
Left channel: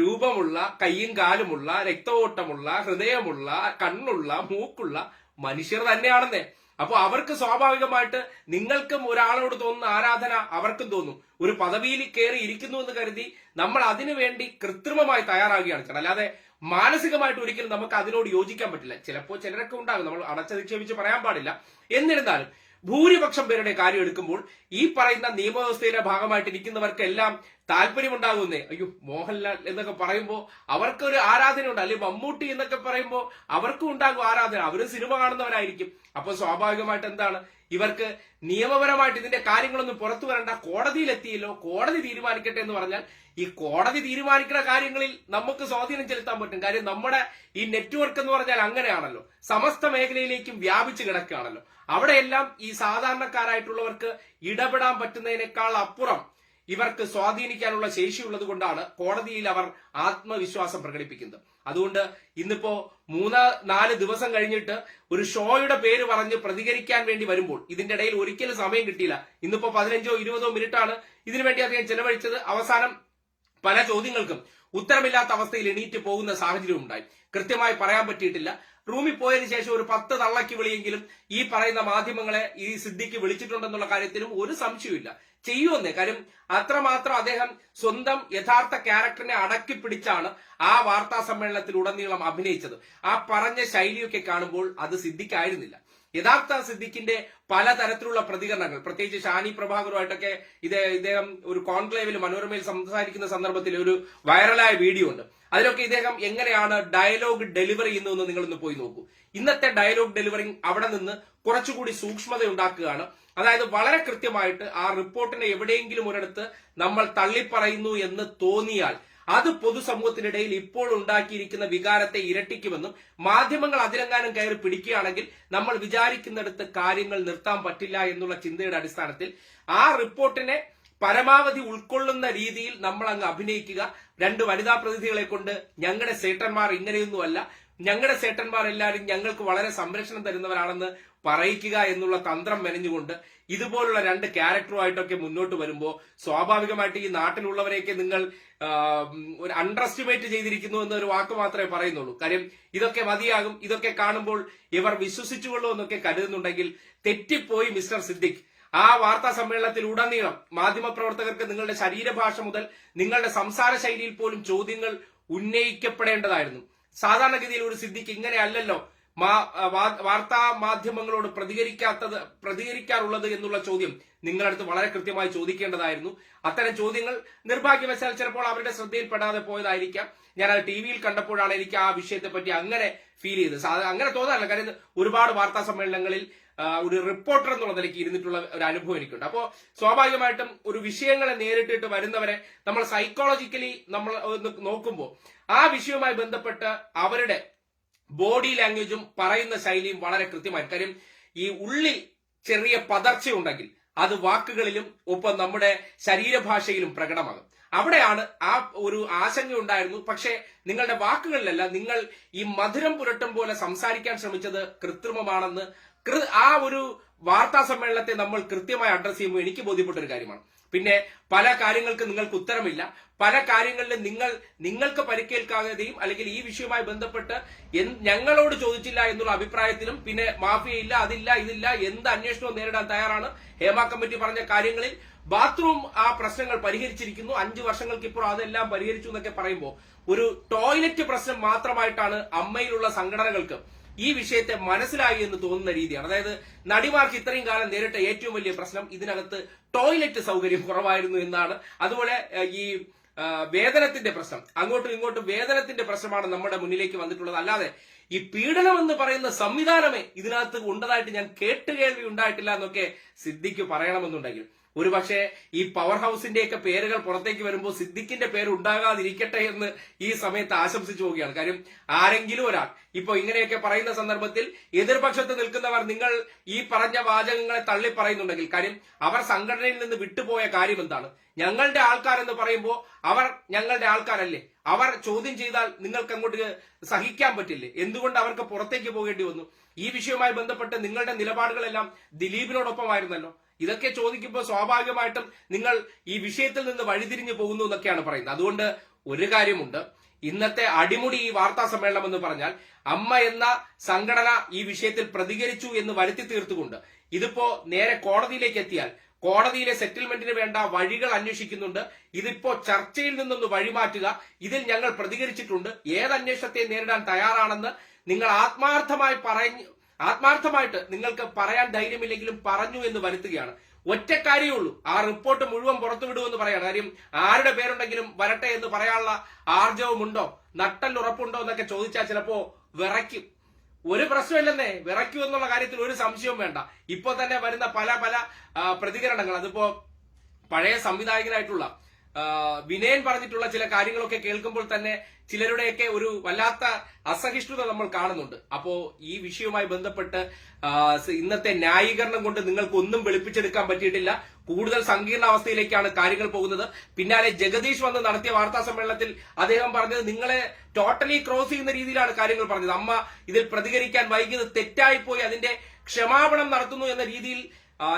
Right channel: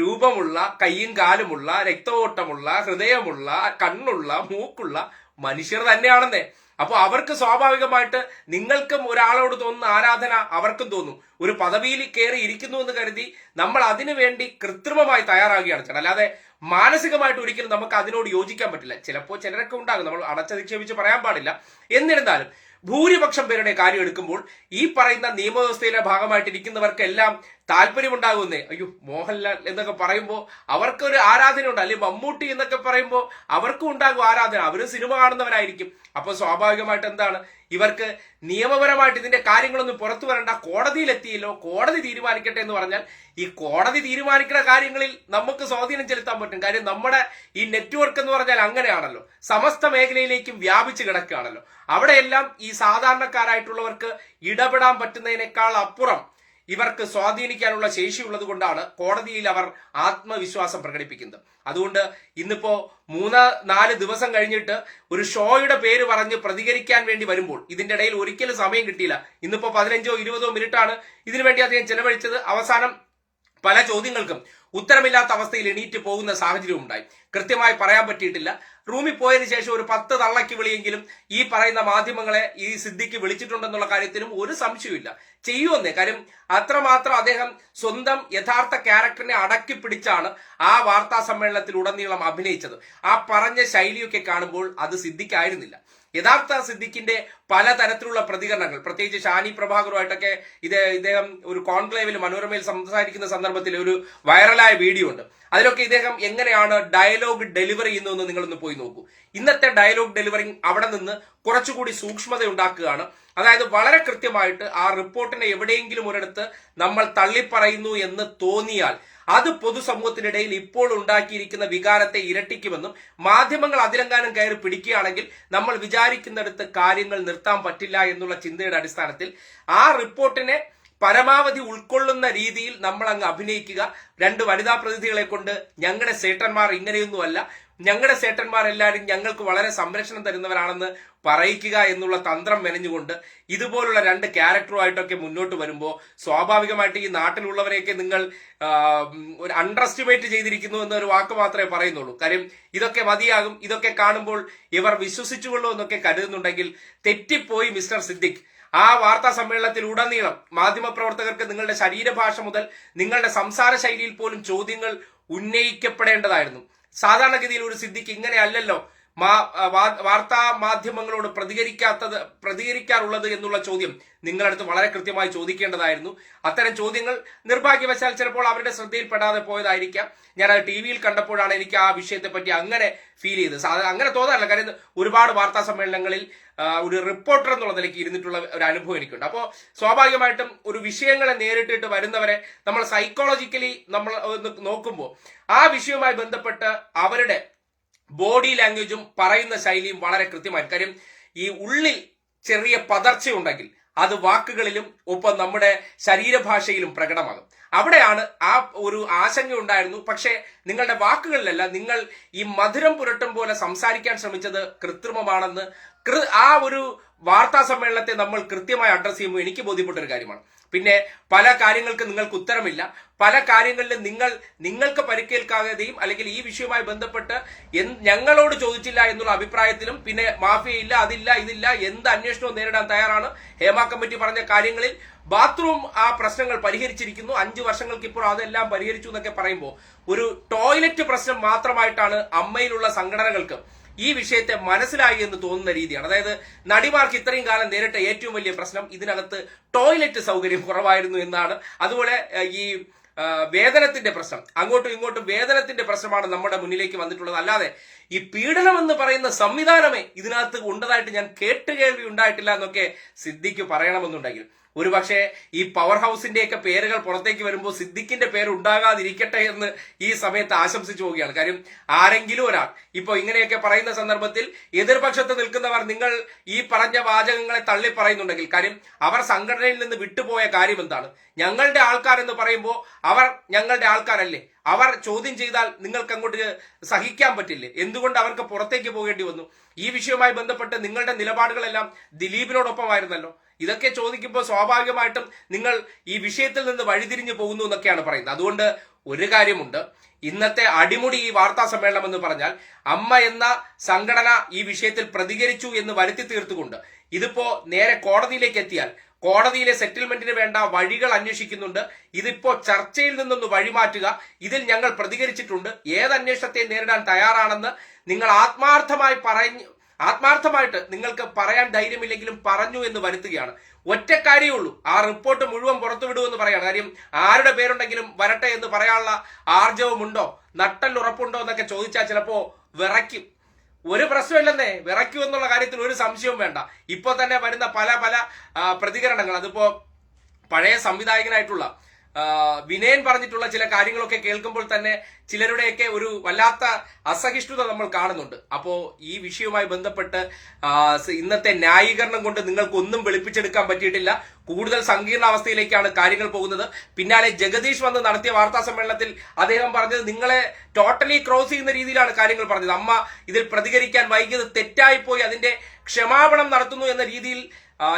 രൂപമുള്ള കയ്യും കാലുമുള്ള രക്തവോട്ടമുള്ള ഹൃദയമുള്ള കണ്ണുള്ള മൂക്കുള്ള മനുഷ്യർ തന്നെയാണെന്നേ. അപ്പൊ അവർക്ക് സ്വാഭാവികമായിട്ട് നിങ്ങൾക്കും ഒരാളോട് തോന്നുന്ന ആരാധന അവർക്കും തോന്നും. ഒരു പദവിയിൽ കയറി ഇരിക്കുന്നു എന്ന് കരുതി നമ്മൾ അതിനു വേണ്ടി കൃത്രിമമായി തയ്യാറാകുകയാണ് ചേട്ടൻ അല്ലാതെ മാനസികമായിട്ട് ഒരിക്കലും നമുക്ക് അതിനോട് യോജിക്കാൻ പറ്റില്ല. ചിലപ്പോൾ ചിലരൊക്കെ ഉണ്ടാകും. നമ്മൾ അടച്ചധിക്ഷേപിച്ച് പറയാൻ പാടില്ല. എന്നിരുന്നാലും ഭൂരിപക്ഷം പേരുടെ കാര്യം എടുക്കുമ്പോൾ ഈ പറയുന്ന നിയമവ്യവസ്ഥയിലെ ഭാഗമായിട്ട് ഇരിക്കുന്നവർക്കെല്ലാം താല്പര്യമുണ്ടാകുന്നേ അയ്യോ മോഹൻലാൽ എന്നൊക്കെ പറയുമ്പോൾ അവർക്കൊരു ആരാധന ഉണ്ട് അല്ലെങ്കിൽ മമ്മൂട്ടി എന്നൊക്കെ പറയുമ്പോൾ അവർക്കും ഉണ്ടാകും ആരാധന. അവരും സിനിമ കാണുന്നവരായിരിക്കും. അപ്പൊ സ്വാഭാവികമായിട്ട് എന്താണ്? ഇവർക്ക് നിയമപരമായിട്ട് ഇതിന്റെ കാര്യങ്ങളൊന്നും പുറത്തു വരണ്ട കോടതിയിൽ എത്തിയല്ലോ കോടതി തീരുമാനിക്കട്ടെ എന്ന് പറഞ്ഞാൽ ഈ കോടതി തീരുമാനിക്കുന്ന കാര്യങ്ങളിൽ നമുക്ക് സ്വാധീനം ചെലുത്താൻ പറ്റും. കാര്യം നമ്മുടെ ഈ നെറ്റ്വർക്ക് എന്ന് പറഞ്ഞാൽ അങ്ങനെയാണല്ലോ. സമസ്ത മേഖലയിലേക്കും വ്യാപിച്ചു കിടക്കുകയാണല്ലോ. അവിടെയെല്ലാം ഈ സാധാരണക്കാരായിട്ടുള്ളവർക്ക് ഇടപെടാൻ പറ്റുന്നതിനേക്കാൾ അപ്പുറം ഇവർക്ക് സ്വാധീനിക്കാനുള്ള ശേഷിയുള്ളത് കൊണ്ടാണ് കോടതിയിൽ അവർ ആത്മവിശ്വാസം പ്രകടിപ്പിക്കുന്നത്. അതുകൊണ്ട് ഇന്നിപ്പോ മൂന്ന് നാല് ദിവസം കഴിഞ്ഞിട്ട് ഒരു ഷോയുടെ പേര് പറഞ്ഞ് പ്രതികരിക്കാൻ വേണ്ടി വരുമ്പോൾ ഇതിന്റെ ഇടയിൽ ഒരിക്കലും സമയം കിട്ടിയില്ല. ഇന്നിപ്പോ പതിനഞ്ചോ ഇരുപതോ മിനിറ്റാണ് ഇതിനുവേണ്ടി അദ്ദേഹം ചെലവഴിച്ചത്. അവസാനം പല ചോദ്യങ്ങൾക്കും ഉത്തരമില്ലാത്ത അവസ്ഥയിൽ എണീറ്റ് പോകുന്ന സാഹചര്യം ഉണ്ടായി. കൃത്യമായി പറയാൻ പറ്റിയിട്ടില്ല. റൂമിൽ പോയതിനു ശേഷം ഒരു പത്ത് തള്ളയ്ക്ക് വിളിയെങ്കിലും ഈ പറയുന്ന മാധ്യമങ്ങളെ ഈ സിദ്ധിക്ക് വിളിച്ചിട്ടുണ്ടെന്നുള്ള കാര്യത്തിലും ഒരു സംശയമില്ല ചെയ്യുമെന്നേ. കാര്യം അത്രമാത്രം അദ്ദേഹം സ്വന്തം യഥാർത്ഥ ക്യാരക്ടറിനെ അടക്കി പിടിച്ചാണ് ആ വാർത്താ സമ്മേളനത്തിൽ ഉടനീളം അഭിനയിച്ചത്. ആ പറഞ്ഞ ശൈലിയൊക്കെ കാണുമ്പോൾ അത് സിദ്ധിക്കായിരുന്നില്ല. യഥാർത്ഥ സിദ്ദിഖിന്റെ പലതരത്തിലുള്ള പ്രതികരണങ്ങൾ. പ്രത്യേകിച്ച് ഷാനി പ്രഭാകറുമായിട്ടൊക്കെ ഇത് ഇദ്ദേഹം ഒരു കോൺക്ലേവിൽ മനോരമയിൽ സംസാരിക്കുന്ന സന്ദർഭത്തിൽ ഒരു വൈറലായ വീഡിയോ ഉണ്ട്. അതിലൊക്കെ ഇദ്ദേഹം എങ്ങനെയാണ് ഡയലോഗ് ഡെലിവറി ചെയ്യുന്നതെന്ന് നിങ്ങളൊന്ന് പോയി നോക്കൂ. ഇന്നത്തെ ഡയലോഗ് ഡെലിവറി അവിടെ നിന്ന് കുറച്ചുകൂടി സൂക്ഷ്മത ഉണ്ടാക്കുകയാണ് അതായത് വളരെ കൃത്യമായിട്ട് ആ റിപ്പോർട്ടിനെ എവിടെയെങ്കിലും ഒരിടത്ത് നമ്മൾ തള്ളിപ്പറയുന്നു എന്ന് തോന്നിയാൽ അത് പൊതുസമൂഹത്തിനിടയിൽ ഇപ്പോൾ ഉണ്ടാക്കിയിരിക്കുന്ന വികാരത്തെ ഇരട്ടിക്കുമെന്നും മാധ്യമങ്ങൾ അതിലെങ്ങാനും കയറി പിടിക്കുകയാണെങ്കിൽ നമ്മൾ വിചാരിക്കുന്നിടത്ത് കാര്യങ്ങൾ നിർത്താൻ പറ്റില്ല എന്നുള്ള ചിന്തയുടെ അടിസ്ഥാനത്തിൽ ആ റിപ്പോർട്ടിനെ പരമാവധി ഉൾക്കൊള്ളുന്ന രീതിയിൽ നമ്മൾ അങ്ങ് അഭിനയിക്കുക. രണ്ട് വനിതാ പ്രതിനിധികളെ കൊണ്ട് ഞങ്ങളുടെ സേട്ടന്മാർ ഇങ്ങനെയൊന്നുമല്ല. ഞങ്ങളുടെ സേട്ടന്മാരെല്ലാവരും ഞങ്ങൾക്ക് വളരെ സംരക്ഷണം തരുന്നവരാണെന്ന് പറയിക്കുക എന്നുള്ള തന്ത്രം മെനഞ്ഞുകൊണ്ട് ഇതുപോലുള്ള രണ്ട് ക്യാരക്ടറുമായിട്ടൊക്കെ മുന്നോട്ട് വരുമ്പോൾ സ്വാഭാവികമായിട്ട് ഈ നാട്ടിലുള്ളവരെയൊക്കെ നിങ്ങൾ ഒരു അണ്ടർ എസ്റ്റിമേറ്റ് ചെയ്തിരിക്കുന്നു എന്നൊരു വാക്ക് മാത്രമേ പറയുന്നുള്ളൂ. കാര്യം ഇതൊക്കെ മതിയാകും ഇതൊക്കെ കാണുമ്പോൾ ഇവർ വിശ്വസിച്ചുകൊള്ളൂ എന്നൊക്കെ കരുതുന്നുണ്ടെങ്കിൽ തെറ്റിപ്പോയി മിസ്റ്റർ സിദ്ദിഖ്. ആ വാർത്താ സമ്മേളനത്തിൽ ഉടനീളം മാധ്യമപ്രവർത്തകർക്ക് നിങ്ങളുടെ ശരീരഭാഷ മുതൽ നിങ്ങളുടെ സംസാര ശൈലിയിൽ പോലും ചോദ്യങ്ങൾ ഉന്നയിക്കപ്പെടേണ്ടതായിരുന്നു. സാധാരണഗതിയിൽ ഒരു സിദ്ധിക്ക് ഇങ്ങനെ അല്ലല്ലോ മാ- വാ- വാർത്താ മാധ്യമങ്ങളോട് പ്രതികരിക്കാത്തത് പ്രതികരിക്കാറുള്ളത് എന്നുള്ള ചോദ്യം നിങ്ങളടുത്ത് വളരെ കൃത്യമായി ചോദിക്കേണ്ടതായിരുന്നു. അത്തരം ചോദ്യങ്ങൾ നിർഭാഗ്യവശാൽ ചിലപ്പോൾ അവരുടെ ശ്രദ്ധയിൽപ്പെടാതെ പോയതായിരിക്കാം. ഞാൻ അത് ടി വിയിൽ കണ്ടപ്പോഴാണ് എനിക്ക് ആ വിഷയത്തെപ്പറ്റി അങ്ങനെ ഫീൽ ചെയ്തത്. അങ്ങനെ തോന്നാറില്ല. കാര്യം ഒരുപാട് വാർത്താ സമ്മേളനങ്ങളിൽ ഒരു റിപ്പോർട്ടർ എന്നുള്ള നിലയ്ക്ക് ഇരുന്നിട്ടുള്ള ഒരു അനുഭവം എനിക്കുണ്ട്. അപ്പോൾ സ്വാഭാവികമായിട്ടും ഒരു വിഷയങ്ങളെ നേരിട്ടിട്ട് വരുന്നവരെ നമ്മൾ സൈക്കോളജിക്കലി നമ്മൾ നോക്കുമ്പോൾ ആ വിഷയവുമായി ബന്ധപ്പെട്ട് അവരുടെ ബോഡി ലാംഗ്വേജും പറയുന്ന ശൈലിയും വളരെ കൃത്യമായി കാര്യം ഈ ഉള്ളിൽ ചെറിയ പതർച്ചയുണ്ടെങ്കിൽ അത് വാക്കുകളിലും ഒപ്പം നമ്മുടെ ശരീരഭാഷയിലും പ്രകടമാകും. അവിടെയാണ് ആ ഒരു ആശങ്ക ഉണ്ടായിരുന്നു പക്ഷേ നിങ്ങളുടെ വാക്കുകളിലല്ല നിങ്ങൾ ഈ മധുരം പുരട്ടും പോലെ സംസാരിക്കാൻ ശ്രമിച്ചത് കൃത്രിമമാണെന്ന് ആ ഒരു വാർത്താ സമ്മേളനത്തെ നമ്മൾ കൃത്യമായി അഡ്രസ് ചെയ്യുമ്പോൾ എനിക്ക് ബോധ്യപ്പെട്ട ഒരു കാര്യമാണ്. പിന്നെ പല കാര്യങ്ങൾക്ക് നിങ്ങൾക്ക് ഉത്തരമില്ല. പല കാര്യങ്ങളിലും നിങ്ങൾ നിങ്ങൾക്ക് പരിക്കേൽക്കാതെയും അല്ലെങ്കിൽ ഈ വിഷയവുമായി ബന്ധപ്പെട്ട് ഞങ്ങളോട് ചോദിച്ചില്ല എന്നുള്ള അഭിപ്രായത്തിലും പിന്നെ മാഫിയ ഇല്ല അതില്ല ഇതില്ല എന്ത് അന്വേഷണവും നേരിടാൻ തയ്യാറാണ്. ഹേമ കമ്മിറ്റി പറഞ്ഞ കാര്യങ്ങളിൽ ബാത്റൂം ആ പ്രശ്നങ്ങൾ പരിഹരിച്ചിരിക്കുന്നു. അഞ്ചു വർഷങ്ങൾക്ക് ഇപ്പോൾ അതെല്ലാം പരിഹരിച്ചു എന്നൊക്കെ പറയുമ്പോൾ ഒരു ടോയ്ലറ്റ് പ്രശ്നം മാത്രമായിട്ടാണ് അമ്മയിലുള്ള സംഘടനകൾക്ക് ഈ വിഷയത്തെ മനസ്സിലായി എന്ന് തോന്നുന്ന രീതിയാണ്. അതായത് നടിമാർക്ക് ഇത്രയും കാലം നേരിട്ട ഏറ്റവും വലിയ പ്രശ്നം ഇതിനകത്ത് ടോയ്ലറ്റ് സൗകര്യം കുറവായിരുന്നു എന്നാണ്. അതുപോലെ ഈ വേതനത്തിന്റെ പ്രശ്നം. അങ്ങോട്ടും ഇങ്ങോട്ടും വേതനത്തിന്റെ പ്രശ്നമാണ് നമ്മുടെ മുന്നിലേക്ക് വന്നിട്ടുള്ളത്. അല്ലാതെ ഈ പീഡനം എന്ന് പറയുന്ന സംവിധാനമേ ഇതിനകത്ത് ഉണ്ടതായിട്ട് ഞാൻ കേട്ടുകേൾവി ഉണ്ടായിട്ടില്ല എന്നൊക്കെ സിദ്ധിക്ക് പറയണമെന്നുണ്ടെങ്കിൽ. ഒരുപക്ഷെ ഈ പവർ ഹൗസിന്റെയൊക്കെ പേരുകൾ പുറത്തേക്ക് വരുമ്പോൾ സിദ്ദിഖിന്റെ പേര് ഉണ്ടാകാതിരിക്കട്ടെ എന്ന് ഈ സമയത്ത് ആശംസിച്ചു പോവുകയാണ്. കാര്യം ആരെങ്കിലും ഒരാൾ ഇപ്പൊ ഇങ്ങനെയൊക്കെ പറയുന്ന സന്ദർഭത്തിൽ എതിർപക്ഷത്ത് നിൽക്കുന്നവർ നിങ്ങൾ ഈ പറഞ്ഞ വാചകങ്ങളെ തള്ളി പറയുന്നുണ്ടെങ്കിൽ കാര്യം അവർ സംഘടനയിൽ നിന്ന് വിട്ടുപോയ കാര്യം എന്താണ്? ഞങ്ങളുടെ ആൾക്കാർ എന്ന് പറയുമ്പോൾ അവർ ഞങ്ങളുടെ ആൾക്കാരല്ലേ? അവർ ചോദ്യം ചെയ്താൽ നിങ്ങൾക്ക് അങ്ങോട്ട് സഹിക്കാൻ പറ്റില്ലേ? എന്തുകൊണ്ട് അവർക്ക് പുറത്തേക്ക് പോകേണ്ടി വന്നു? ഈ വിഷയവുമായി ബന്ധപ്പെട്ട് നിങ്ങളുടെ നിലപാടുകളെല്ലാം ദിലീപിനോടൊപ്പമായിരുന്നല്ലോ. ഇതൊക്കെ ചോദിക്കുമ്പോൾ സ്വാഭാവികമായിട്ടും നിങ്ങൾ ഈ വിഷയത്തിൽ നിന്ന് വഴിതിരിഞ്ഞു പോകുന്നു എന്നൊക്കെയാണ് പറയുന്നത്. അതുകൊണ്ട് ഒരു കാര്യമുണ്ട്. ഇന്നത്തെ അടിമുടി ഈ വാർത്താ സമ്മേളനം എന്ന് പറഞ്ഞാൽ അമ്മ എന്ന സംഘടന ഈ വിഷയത്തിൽ പ്രതികരിച്ചു എന്ന് വരുത്തി തീർത്തുകൊണ്ട് ഇതിപ്പോ നേരെ കോടതിയിലേക്ക് എത്തിയാൽ കോടതിയിലെ സെറ്റിൽമെന്റിന് വേണ്ട വഴികൾ അന്വേഷിക്കുന്നുണ്ട്. ഇതിപ്പോ ചർച്ചയിൽ നിന്നൊന്ന് വഴിമാറ്റുക. ഇതിൽ ഞങ്ങൾ പ്രതികരിച്ചിട്ടുണ്ട്. ഏത് അന്വേഷണത്തെ നേരിടാൻ തയ്യാറാണെന്ന് നിങ്ങൾ ആത്മാർത്ഥമായി പറഞ്ഞു ആത്മാർത്ഥമായിട്ട് നിങ്ങൾക്ക് പറയാൻ ധൈര്യമില്ലെങ്കിലും പറഞ്ഞു എന്ന് വരുത്തുകയാണ്. ഒറ്റ കാര്യമേ ഉള്ളൂ. ആ റിപ്പോർട്ട് മുഴുവൻ പുറത്തുവിടുമെന്ന് പറയാണ്. കാര്യം ആരുടെ പേരുണ്ടെങ്കിലും വരട്ടെ എന്ന് പറയാനുള്ള ആർജവമുണ്ടോ? നട്ടൽ ഉറപ്പുണ്ടോ എന്നൊക്കെ ചോദിച്ചാൽ ചിലപ്പോ വിറയ്ക്കും. ഒരു പ്രശ്നമില്ലെന്നേ വിറയ്ക്കൂ എന്നുള്ള കാര്യത്തിൽ ഒരു സംശയവും വേണ്ട. ഇപ്പോൾ തന്നെ വരുന്ന പല പല പ്രതികരണങ്ങൾ. അതിപ്പോ പഴയ സംവിധായകനായിട്ടുള്ള വിനയൻ പറഞ്ഞിട്ടുള്ള ചില കാര്യങ്ങളൊക്കെ കേൾക്കുമ്പോൾ തന്നെ ചിലരുടെയൊക്കെ ഒരു വല്ലാത്ത അസഹിഷ്ണുത നമ്മൾ കാണുന്നുണ്ട്. അപ്പോ ഈ വിഷയവുമായി ബന്ധപ്പെട്ട് ഇന്നത്തെ ന്യായീകരണം കൊണ്ട് നിങ്ങൾക്ക് ഒന്നും വെളുപ്പിച്ചെടുക്കാൻ പറ്റിയിട്ടില്ല. കൂടുതൽ സങ്കീർണ അവസ്ഥയിലേക്കാണ് കാര്യങ്ങൾ പോകുന്നത്. പിന്നാലെ ജഗദീഷ് വന്ന് നടത്തിയ വാർത്താ സമ്മേളനത്തിൽ അദ്ദേഹം പറഞ്ഞത് നിങ്ങളെ ടോട്ടലി ക്രോസ് ചെയ്യുന്ന രീതിയിലാണ് കാര്യങ്ങൾ പറഞ്ഞത്. അമ്മ ഇതിൽ പ്രതികരിക്കാൻ വൈകിയത് തെറ്റായിപ്പോയി. അതിന്റെ ക്ഷമാപണം നടത്തുന്നു എന്ന രീതിയിൽ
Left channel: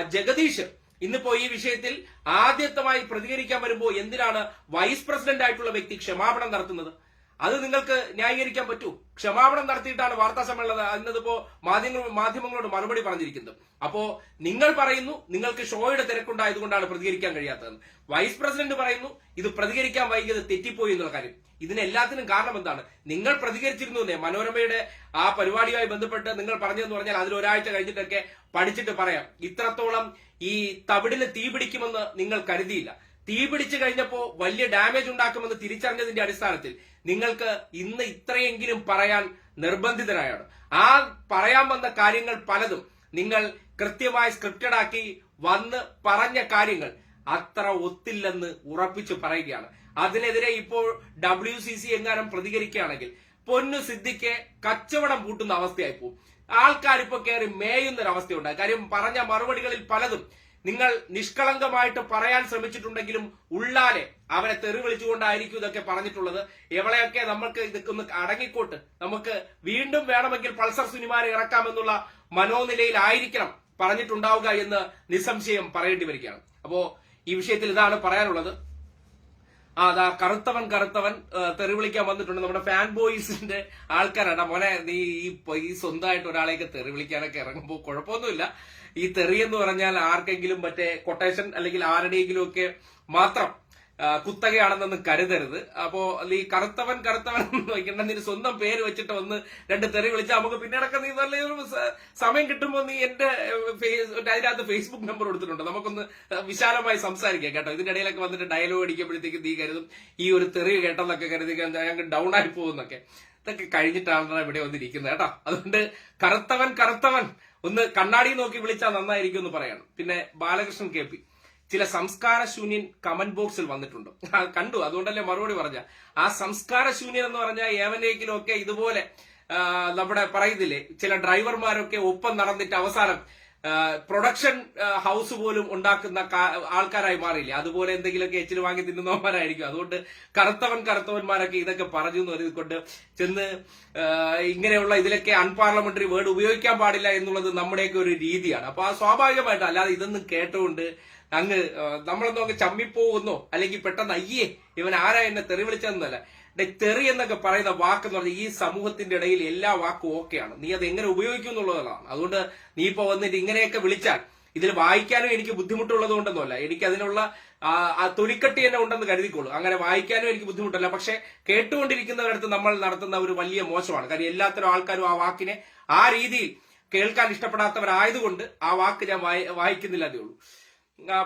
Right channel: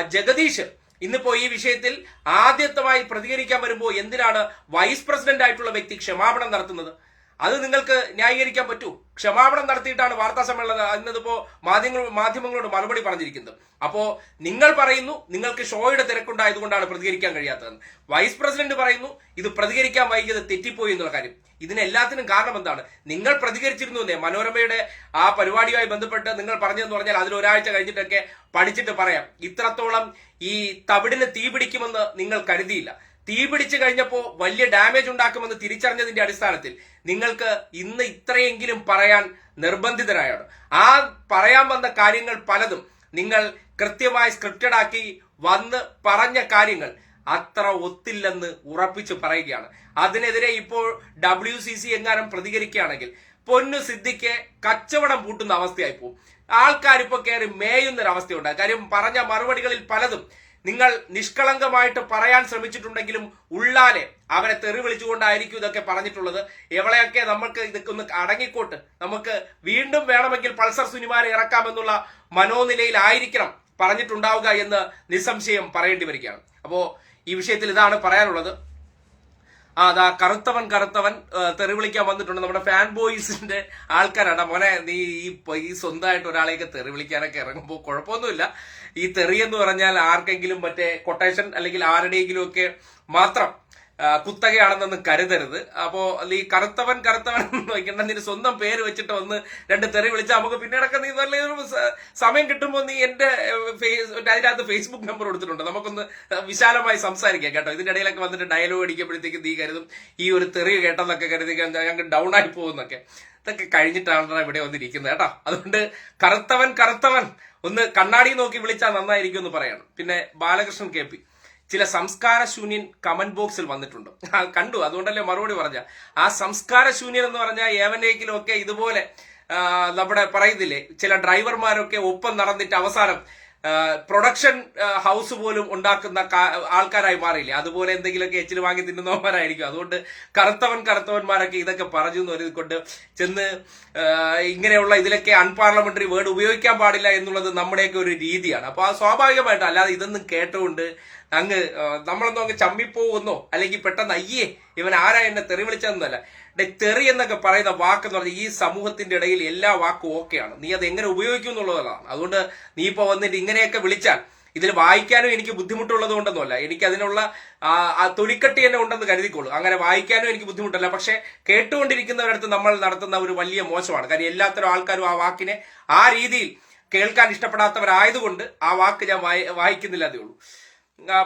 ജഗദീഷ് ഇന്നിപ്പോ ഈ വിഷയത്തിൽ ആദ്യത്തമായി പ്രതികരിക്കാൻ വരുമ്പോൾ എന്തിനാണ് വൈസ് പ്രസിഡന്റ് ആയിട്ടുള്ള വ്യക്തി ക്ഷമാപണം നടത്തുന്നത്? അത് നിങ്ങൾക്ക് ന്യായീകരിക്കാൻ പറ്റൂ. ക്ഷമാപണം നടത്തിയിട്ടാണ് വാർത്താ സമ്മേളനം എന്നതിപ്പോ മാധ്യമങ്ങൾ മാധ്യമങ്ങളോട് മറുപടി പറഞ്ഞിരിക്കുന്നത്. അപ്പോ നിങ്ങൾ പറയുന്നു നിങ്ങൾക്ക് ഷോയുടെ തിരക്കുണ്ടായതുകൊണ്ടാണ് പ്രതികരിക്കാൻ കഴിയാത്തതെന്ന്. വൈസ് പ്രസിഡന്റ് പറയുന്നു ഇത് പ്രതികരിക്കാൻ വൈകിയത് തെറ്റിപ്പോയി എന്നുള്ള കാര്യം. ഇതിനെല്ലാത്തിനും കാരണം എന്താണ്? നിങ്ങൾ പ്രതികരിച്ചിരുന്നു എന്നേ. മനോരമയുടെ ആ പരിപാടിയുമായി ബന്ധപ്പെട്ട് നിങ്ങൾ പറഞ്ഞതെന്ന് പറഞ്ഞാൽ അതിൽ ഒരാഴ്ച കഴിഞ്ഞിട്ടൊക്കെ പഠിച്ചിട്ട് പറയാം. ഇത്രത്തോളം ഈ തവിടിന് തീ പിടിക്കുമെന്ന് നിങ്ങൾ കരുതിയില്ല. തീ പിടിച്ചു കഴിഞ്ഞപ്പോ വലിയ ഡാമേജ് ഉണ്ടാക്കുമെന്ന് തിരിച്ചറിഞ്ഞതിന്റെ അടിസ്ഥാനത്തിൽ നിങ്ങൾക്ക് ഇന്ന് ഇത്രയെങ്കിലും പറയാൻ നിർബന്ധിതരായാണ്. ആ പറയാൻ വന്ന കാര്യങ്ങൾ പലതും നിങ്ങൾ കൃത്യമായി സ്ക്രിപ്റ്റഡ് ആക്കി വന്ന് പറഞ്ഞ കാര്യങ്ങൾ അത്ര ഒത്തില്ലെന്ന് ഉറപ്പിച്ചു പറയുകയാണ്. അതിനെതിരെ ഇപ്പോൾ ഡബ്ല്യു സി സി എങ്ങാനും പ്രതികരിക്കുകയാണെങ്കിൽ പൊന്നു സിദ്ധിക്ക് കച്ചവടം പൂട്ടുന്ന അവസ്ഥയായി പോകും ആൾക്കാർ കയറി മേയുന്ന ഒരു അവസ്ഥയുണ്ടായി കാര്യം പറഞ്ഞ മറുപടികളിൽ പലതും. നിങ്ങൾ നിഷ്കളങ്കമായിട്ട് പറയാൻ ശ്രമിച്ചിട്ടുണ്ടെങ്കിലും ഉള്ളാലെ അവരെ തെറി വിളിച്ചുകൊണ്ടായിരിക്കും ഇതൊക്കെ പറഞ്ഞിട്ടുള്ളത്. എവളെയൊക്കെ നമുക്ക് ഇതൊക്കെ ഒന്ന് അടങ്ങിക്കോട്ട്. നമുക്ക് വീണ്ടും വേണമെങ്കിൽ പൾസർ സുനിമാരെ ഇറക്കാമെന്നുള്ള മനോനിലയിലായിരിക്കണം പറഞ്ഞിട്ടുണ്ടാവുക എന്ന് നിസ്സംശയം പറയേണ്ടി വരികയാണ്. അപ്പോ ഈ വിഷയത്തിൽ ഇതാണ് പറയാനുള്ളത്. അതാ കറുത്തവൻ കറുത്തവൻ തെറി വിളിക്കാൻ വന്നിട്ടുണ്ട്. നമ്മുടെ ഫാൻ ബോയ്സിന്റെ ആൾക്കാരാണ്. മോനെ നീ ഈ ഈ സ്വന്തമായിട്ട് ഒരാളെയൊക്കെ തെറി വിളിക്കാനൊക്കെ ഇറങ്ങുമ്പോൾ കുഴപ്പമൊന്നുമില്ല. ഈ തെറി എന്ന് പറഞ്ഞാൽ ആർക്കെങ്കിലും മറ്റേ കൊട്ടേഷൻ അല്ലെങ്കിൽ ആരുടെയെങ്കിലും ഒക്കെ മാത്രം കുത്തകയാണെന്നൊന്നും കരുതരുത്. അപ്പോ ഈ കറുത്തവൻ കറുത്തവൻ വയ്ക്കേണ്ട. നീ സ്വന്തം പേര് വെച്ചിട്ട് ഒന്ന് രണ്ട് തെറി വിളിച്ചാൽ നമുക്ക് പിന്നീടൊക്കെ നീ നല്ല സമയം കിട്ടുമ്പോൾ നീ എന്റെ ഫേസ് അതിനകത്ത് ഫേസ്ബുക്ക് നമ്പർ കൊടുത്തിട്ടുണ്ട്. നമുക്കൊന്ന് വിശാലമായി സംസാരിക്കാം കേട്ടോ. ഇതിന്റെ ഇടയിലൊക്കെ വന്നിട്ട് ഡയലോഗ് അടിക്കുമ്പോഴത്തേക്ക് നീ കരുതും. ഈ ഒരു തെറി കേട്ടെന്നൊക്കെ കരുതി ഞങ്ങൾക്ക് ഡൗൺ ആയി പോകുന്നൊക്കെ. ഇതൊക്കെ കഴിഞ്ഞിട്ടാണ് ഇവിടെ വന്നിരിക്കുന്നത് കേട്ടോ. അതുകൊണ്ട് കറുത്തവൻ കറുത്തവൻ. ഒന്ന് കണ്ണാടി നോക്കി വിളിച്ചാൽ നന്നായിരിക്കും എന്ന് പറയണം. പിന്നെ ബാലകൃഷ്ണൻ കെ പി. ചില സംസ്കാര ശൂന്യൻ കമന്റ് ബോക്സിൽ വന്നിട്ടുണ്ട് കണ്ടു. അതുകൊണ്ടല്ലേ മറുപടി പറഞ്ഞ. ആ സംസ്കാര ശൂന്യൻ എന്ന് പറഞ്ഞാൽ ഏവനെങ്കിലും ഒക്കെ ഇതുപോലെ നമ്മുടെ പറയുന്നില്ലേ ചില ഡ്രൈവർമാരൊക്കെ ഒപ്പം നടന്നിട്ട് അവസാനം പ്രൊഡക്ഷൻ ഹൗസ് പോലും ഉണ്ടാക്കുന്ന ആൾക്കാരായി മാറിയില്ലേ? അതുപോലെ എന്തെങ്കിലുമൊക്കെ എച്ചിൽ വാങ്ങി തിന്നുന്നവന്മാരായിരിക്കും. അതുകൊണ്ട് കറുത്തവൻ കറുത്തവന്മാരൊക്കെ ഇതൊക്കെ പറഞ്ഞു എന്ന് കൊണ്ട് ചെന്ന് ഇങ്ങനെയുള്ള ഇതിലൊക്കെ അൺപാർലമെന്ററി വേർഡ് ഉപയോഗിക്കാൻ പാടില്ല എന്നുള്ളത് നമ്മുടെയൊക്കെ ഒരു രീതിയാണ്. അപ്പൊ ആ സ്വാഭാവികമായിട്ട് അല്ലാതെ ഇതൊന്നും കേട്ടുകൊണ്ട് അങ്ങ് നമ്മളൊന്നും അങ്ങ് ചമ്മിപ്പോകുന്നോ? അല്ലെങ്കിൽ പെട്ടെന്ന് അയ്യേ ഇവൻ ആരാ എന്നെ തെറി വിളിച്ചതെന്നല്ല. തെറി എന്നൊക്കെ പറയുന്ന വാക്ക് എന്ന് പറഞ്ഞാൽ ഈ സമൂഹത്തിന്റെ ഇടയിൽ എല്ലാ വാക്കും ഓക്കെയാണ്. നീ അത് എങ്ങനെ ഉപയോഗിക്കും എന്നുള്ളതാണ് അതുകൊണ്ട് നീ ഇപ്പൊ വന്നിട്ട് ഇങ്ങനെയൊക്കെ വിളിച്ചാൽ ഇതിൽ വായിക്കാനും എനിക്ക് ബുദ്ധിമുട്ടുള്ളത് കൊണ്ടൊന്നുമല്ല എനിക്ക് അതിനുള്ള തൊലിക്കട്ടി തന്നെ ഉണ്ടെന്ന് കരുതിക്കോളൂ. അങ്ങനെ വായിക്കാനും എനിക്ക് ബുദ്ധിമുട്ടല്ല. പക്ഷെ കേട്ടുകൊണ്ടിരിക്കുന്നവരടുത്ത് നമ്മൾ നടത്തുന്ന ഒരു വലിയ മോശമാണ്. കാര്യം എല്ലാത്തരം ആൾക്കാരും ആ വാക്കിനെ ആ രീതിയിൽ കേൾക്കാൻ ഇഷ്ടപ്പെടാത്തവരായതുകൊണ്ട് ആ വാക്ക് ഞാൻ വായി- വായിക്കുന്നില്ല ഉള്ളൂ.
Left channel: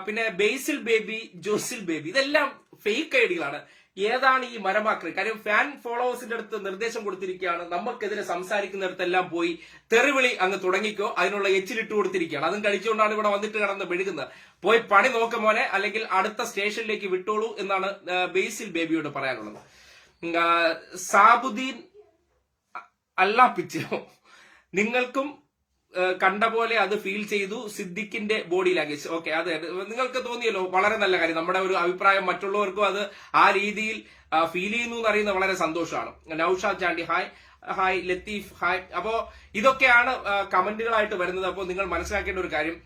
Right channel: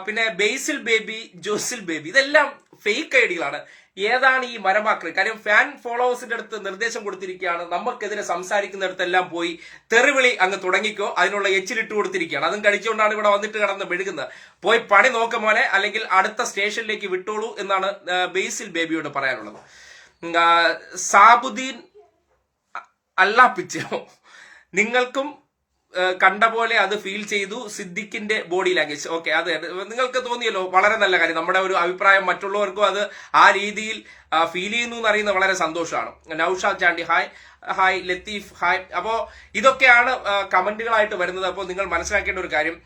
പിന്നെ ബേസിൽ ബേബി ജോസിൽ ബേബി ഇതെല്ലാം ഫേക്ക് ഐഡികളാണ് ഏതാണ് ഈ മരമാക്കൾ കാര്യം ഫാൻ ഫോളോവേഴ്സിന്റെ അടുത്ത് നിർദ്ദേശം കൊടുത്തിരിക്കുകയാണ്. നമുക്കെതിരെ സംസാരിക്കുന്നിടത്തെല്ലാം പോയി തെറിവിളി അങ്ങ് തുടങ്ങിക്കോ. അതിനുള്ള എച്ചിലിട്ട് കൊടുത്തിരിക്കുകയാണ്. അതും കഴിച്ചുകൊണ്ടാണ് ഇവിടെ വന്നിട്ട് കടന്ന് മെഴുകുന്നത്. പോയി പണി നോക്ക മോനെ അല്ലെങ്കിൽ അടുത്ത സ്റ്റേഷനിലേക്ക് വിട്ടോളൂ എന്നാണ് ബേസിൽ ബേബിയോട് പറയാനുള്ളത്. സാബുദ്ദീൻ അല്ലാപ്പിച്ചോ നിങ്ങൾക്കും കണ്ട പോലെ അത് ഫീൽ ചെയ്തു സിദ്ദിഖിന്റെ ബോഡി ലാംഗ്വേജ് ഓക്കെ അത് നിങ്ങൾക്ക് തോന്നിയല്ലോ വളരെ നല്ല കാര്യം. നമ്മുടെ ഒരു അഭിപ്രായം മറ്റുള്ളവർക്കും അത് ആ രീതിയിൽ ഫീൽ ചെയ്യുന്നു എന്ന് അറിയുന്നത് വളരെ സന്തോഷമാണ്. Naushad Chandy hi hi Latheef hi അപ്പോ ഇതൊക്കെയാണ് കമന്റുകളായിട്ട് വരുന്നത്. അപ്പോൾ നിങ്ങൾ മനസ്സിലാക്കേണ്ട ഒരു കാര്യം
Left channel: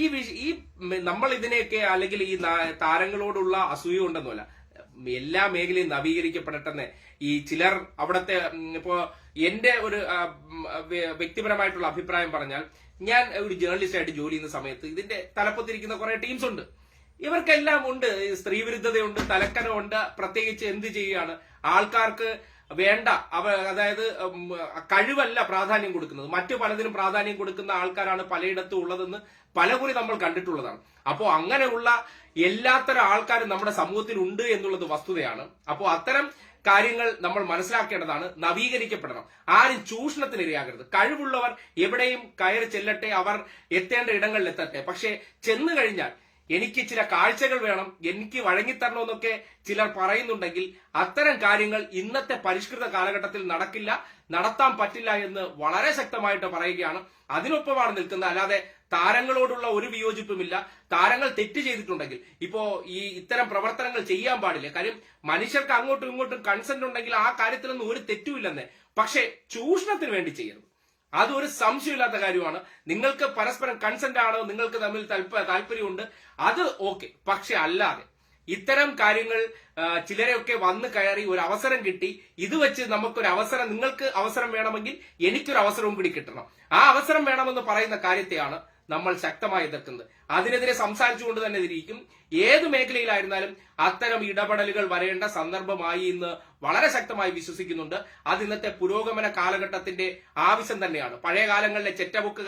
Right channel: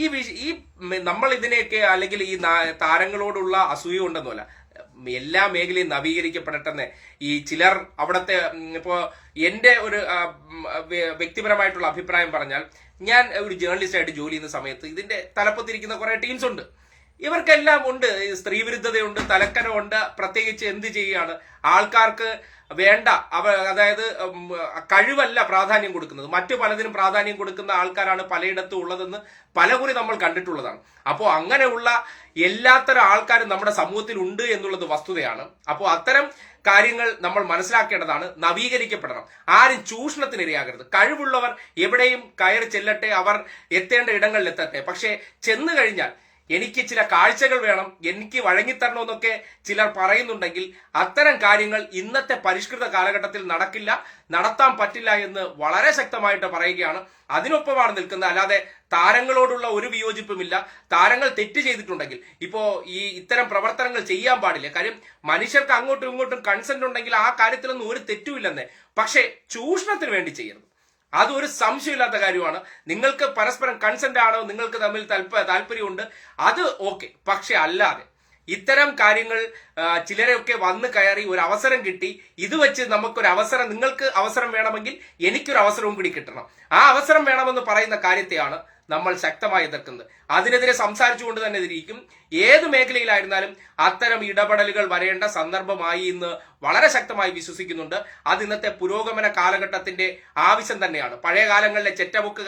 ഈ ഈ നമ്മൾ ഇതിനെയൊക്കെ അല്ലെങ്കിൽ ഈ താരങ്ങളോടുള്ള അസൂയ ഉണ്ടെന്നല്ല. എല്ലാ മേഖലയും നവീകരിക്കപ്പെടട്ടെന്ന് ഈ ചിലർ അവിടുത്തെ ഇപ്പോ എന്റെ ഒരു വ്യക്തിപരമായിട്ടുള്ള അഭിപ്രായം പറഞ്ഞാൽ ഞാൻ ഒരു ജേർണലിസ്റ്റായിട്ട് ജോലി ചെയ്യുന്ന സമയത്ത് ഇതിന്റെ തലപ്പത്തിരിക്കുന്ന കുറെ ടീംസ് ഉണ്ട്. ഇവർക്കെല്ലാം ഉണ്ട്. സ്ത്രീവിരുദ്ധതയുണ്ട് തലക്കനമുണ്ട് പ്രത്യേകിച്ച് എന്ത് ചെയ്യാണ് ആൾക്കാർക്ക് വേണ്ട അവ അതായത് കഴിവല്ല പ്രാധാന്യം കൊടുക്കുന്നത്. മറ്റു പലതിനും പ്രാധാന്യം കൊടുക്കുന്ന ആൾക്കാരാണ് പലയിടത്തും ഉള്ളതെന്ന് പലകുറി നമ്മൾ കണ്ടിട്ടുള്ളതാണ്. അപ്പോൾ അങ്ങനെയുള്ള എല്ലാത്തരം ആൾക്കാരും നമ്മുടെ സമൂഹത്തിൽ ഉണ്ട് എന്നുള്ളത് വസ്തുതയാണ്. അപ്പോൾ അത്തരം കാര്യങ്ങൾ നമ്മൾ മനസ്സിലാക്കേണ്ടതാണ് നവീകരിക്കപ്പെടണം. ആരും ചൂഷണത്തിനിരയാകരുത് കഴിവുള്ളവർ എവിടെയും കയറി ചെല്ലട്ടെ അവർ എത്തേണ്ട ഇടങ്ങളിൽ എത്തട്ടെ. പക്ഷേ ചെന്നു കഴിഞ്ഞാൽ എനിക്ക് ചില കാഴ്ചകൾ വേണം എനിക്ക് വഴങ്ങിത്തരണമെന്നൊക്കെ ചിലർ പറയുന്നുണ്ടെങ്കിൽ അത്തരം കാര്യങ്ങൾ ഇന്നത്തെ പരിഷ്കൃത കാലഘട്ടത്തിൽ നടക്കില്ല നടത്താൻ പറ്റില്ല എന്ന് വളരെ ശക്തമായിട്ട് പറയുകയാണ്. അതിനൊപ്പമാണ് നിൽക്കുന്നത്. അല്ലാതെ താരങ്ങളോടുള്ള ഒരു വിയോജിപ്പുമില്ല. താരങ്ങൾ തെറ്റ് ചെയ്തിട്ടുണ്ടെങ്കിൽ ഇപ്പോ ഈ ഇത്തരം പ്രവർത്തനങ്ങൾ ചെയ്യാൻ പാടില്ല. കാര്യം മനുഷ്യർക്ക് അങ്ങോട്ടും ഇങ്ങോട്ടും കൺസെന്റ് ഉണ്ടെങ്കിൽ ആ കാര്യത്തിലൊന്നും ഒരു തെറ്റുമില്ലെന്നേ. പക്ഷേ ചൂഷണത്തിന് വേണ്ടി ചെയ്യരുത്. അതൊരു സംശയമില്ലാത്ത കാര്യമാണ്. നിങ്ങൾക്ക് പരസ്പരം കൺസെന്റ് ആണോ നിങ്ങൾക്ക് തമ്മിൽ താല്പ- താല്പര്യമുണ്ട് അത് ഓക്കെ പക്ഷെ അല്ലാതെ ഇത്തരം കാര്യങ്ങൾ ചിലരൊക്കെ വന്ന് കയറി ഒരു അവസരം കിട്ടി. ഇത് വെച്ച് നമുക്കൊരു അവസരം നിങ്ങൾക്ക് അവസരം വേണമെങ്കിൽ എനിക്കൊരു അവസരവും കൂടി കിട്ടണം. ആ അവസരം വേണമെന്ന് പറയുന്ന കാര്യത്തെയാണ് നമ്മൾ ശക്തമായി എതിർക്കുന്നത്. അതിനെതിരെ സംസാരിച്ചുകൊണ്ട് തന്നെ ഇരിക്കും ഏത് മേഖലയിലായിരുന്നാലും അത്തരം ഇടപെടലുകൾ വരേണ്ട സന്ദർഭമായി ഇന്ന് വളരെ ശക്തമായി വിശ്വസിക്കുന്നുണ്ട്. അത് ഇന്നത്തെ പുരോഗമന കാലഘട്ടത്തിന്റെ ആവശ്യം തന്നെയാണ്. പഴയ കാലങ്ങളിലെ ചെറ്റമുക്ക്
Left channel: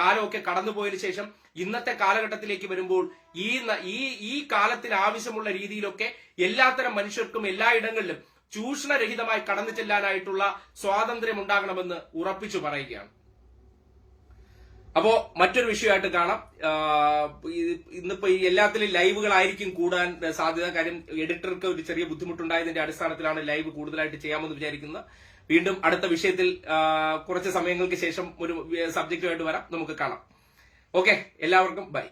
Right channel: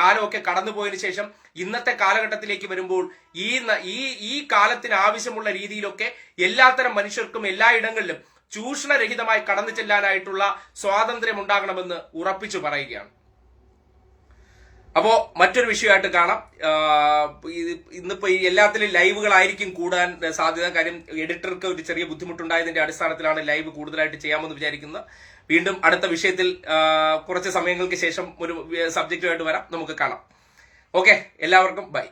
കാലമൊക്കെ കടന്നുപോയതിനു ശേഷം ഇന്നത്തെ കാലഘട്ടത്തിലേക്ക് വരുമ്പോൾ ഈ ഈ ഈ കാലത്തിന് ആവശ്യമുള്ള രീതിയിലൊക്കെ എല്ലാത്തരം മനുഷ്യർക്കും എല്ലായിടങ്ങളിലും ചൂഷണരഹിതമായി കടന്നു ചെല്ലാനായിട്ടുള്ള സ്വാതന്ത്ര്യം ഉണ്ടാകണമെന്ന് ഉറപ്പിച്ചു പറയുകയാണ്. അപ്പോ മറ്റൊരു വിഷയമായിട്ട് കാണാം. ഇന്നിപ്പോ ഈ എല്ലാത്തിലും ലൈവുകളായിരിക്കും കൂടാൻ സാധ്യത. കാര്യം എഡിറ്റർക്ക് ഒരു ചെറിയ ബുദ്ധിമുട്ടുണ്ടായതിന്റെ അടിസ്ഥാനത്തിലാണ് ലൈവ് കൂടുതലായിട്ട് ചെയ്യാമെന്ന് വിചാരിക്കുന്നത് വീണ്ടും അടുത്ത വിഷയത്തിൽ കുറച്ച് സമയങ്ങൾക്ക് ശേഷം ഒരു സബ്ജക്റ്റുമായിട്ട് വരാം. നമുക്ക് കാണാം. ഓക്കെ എല്ലാവർക്കും ബൈ.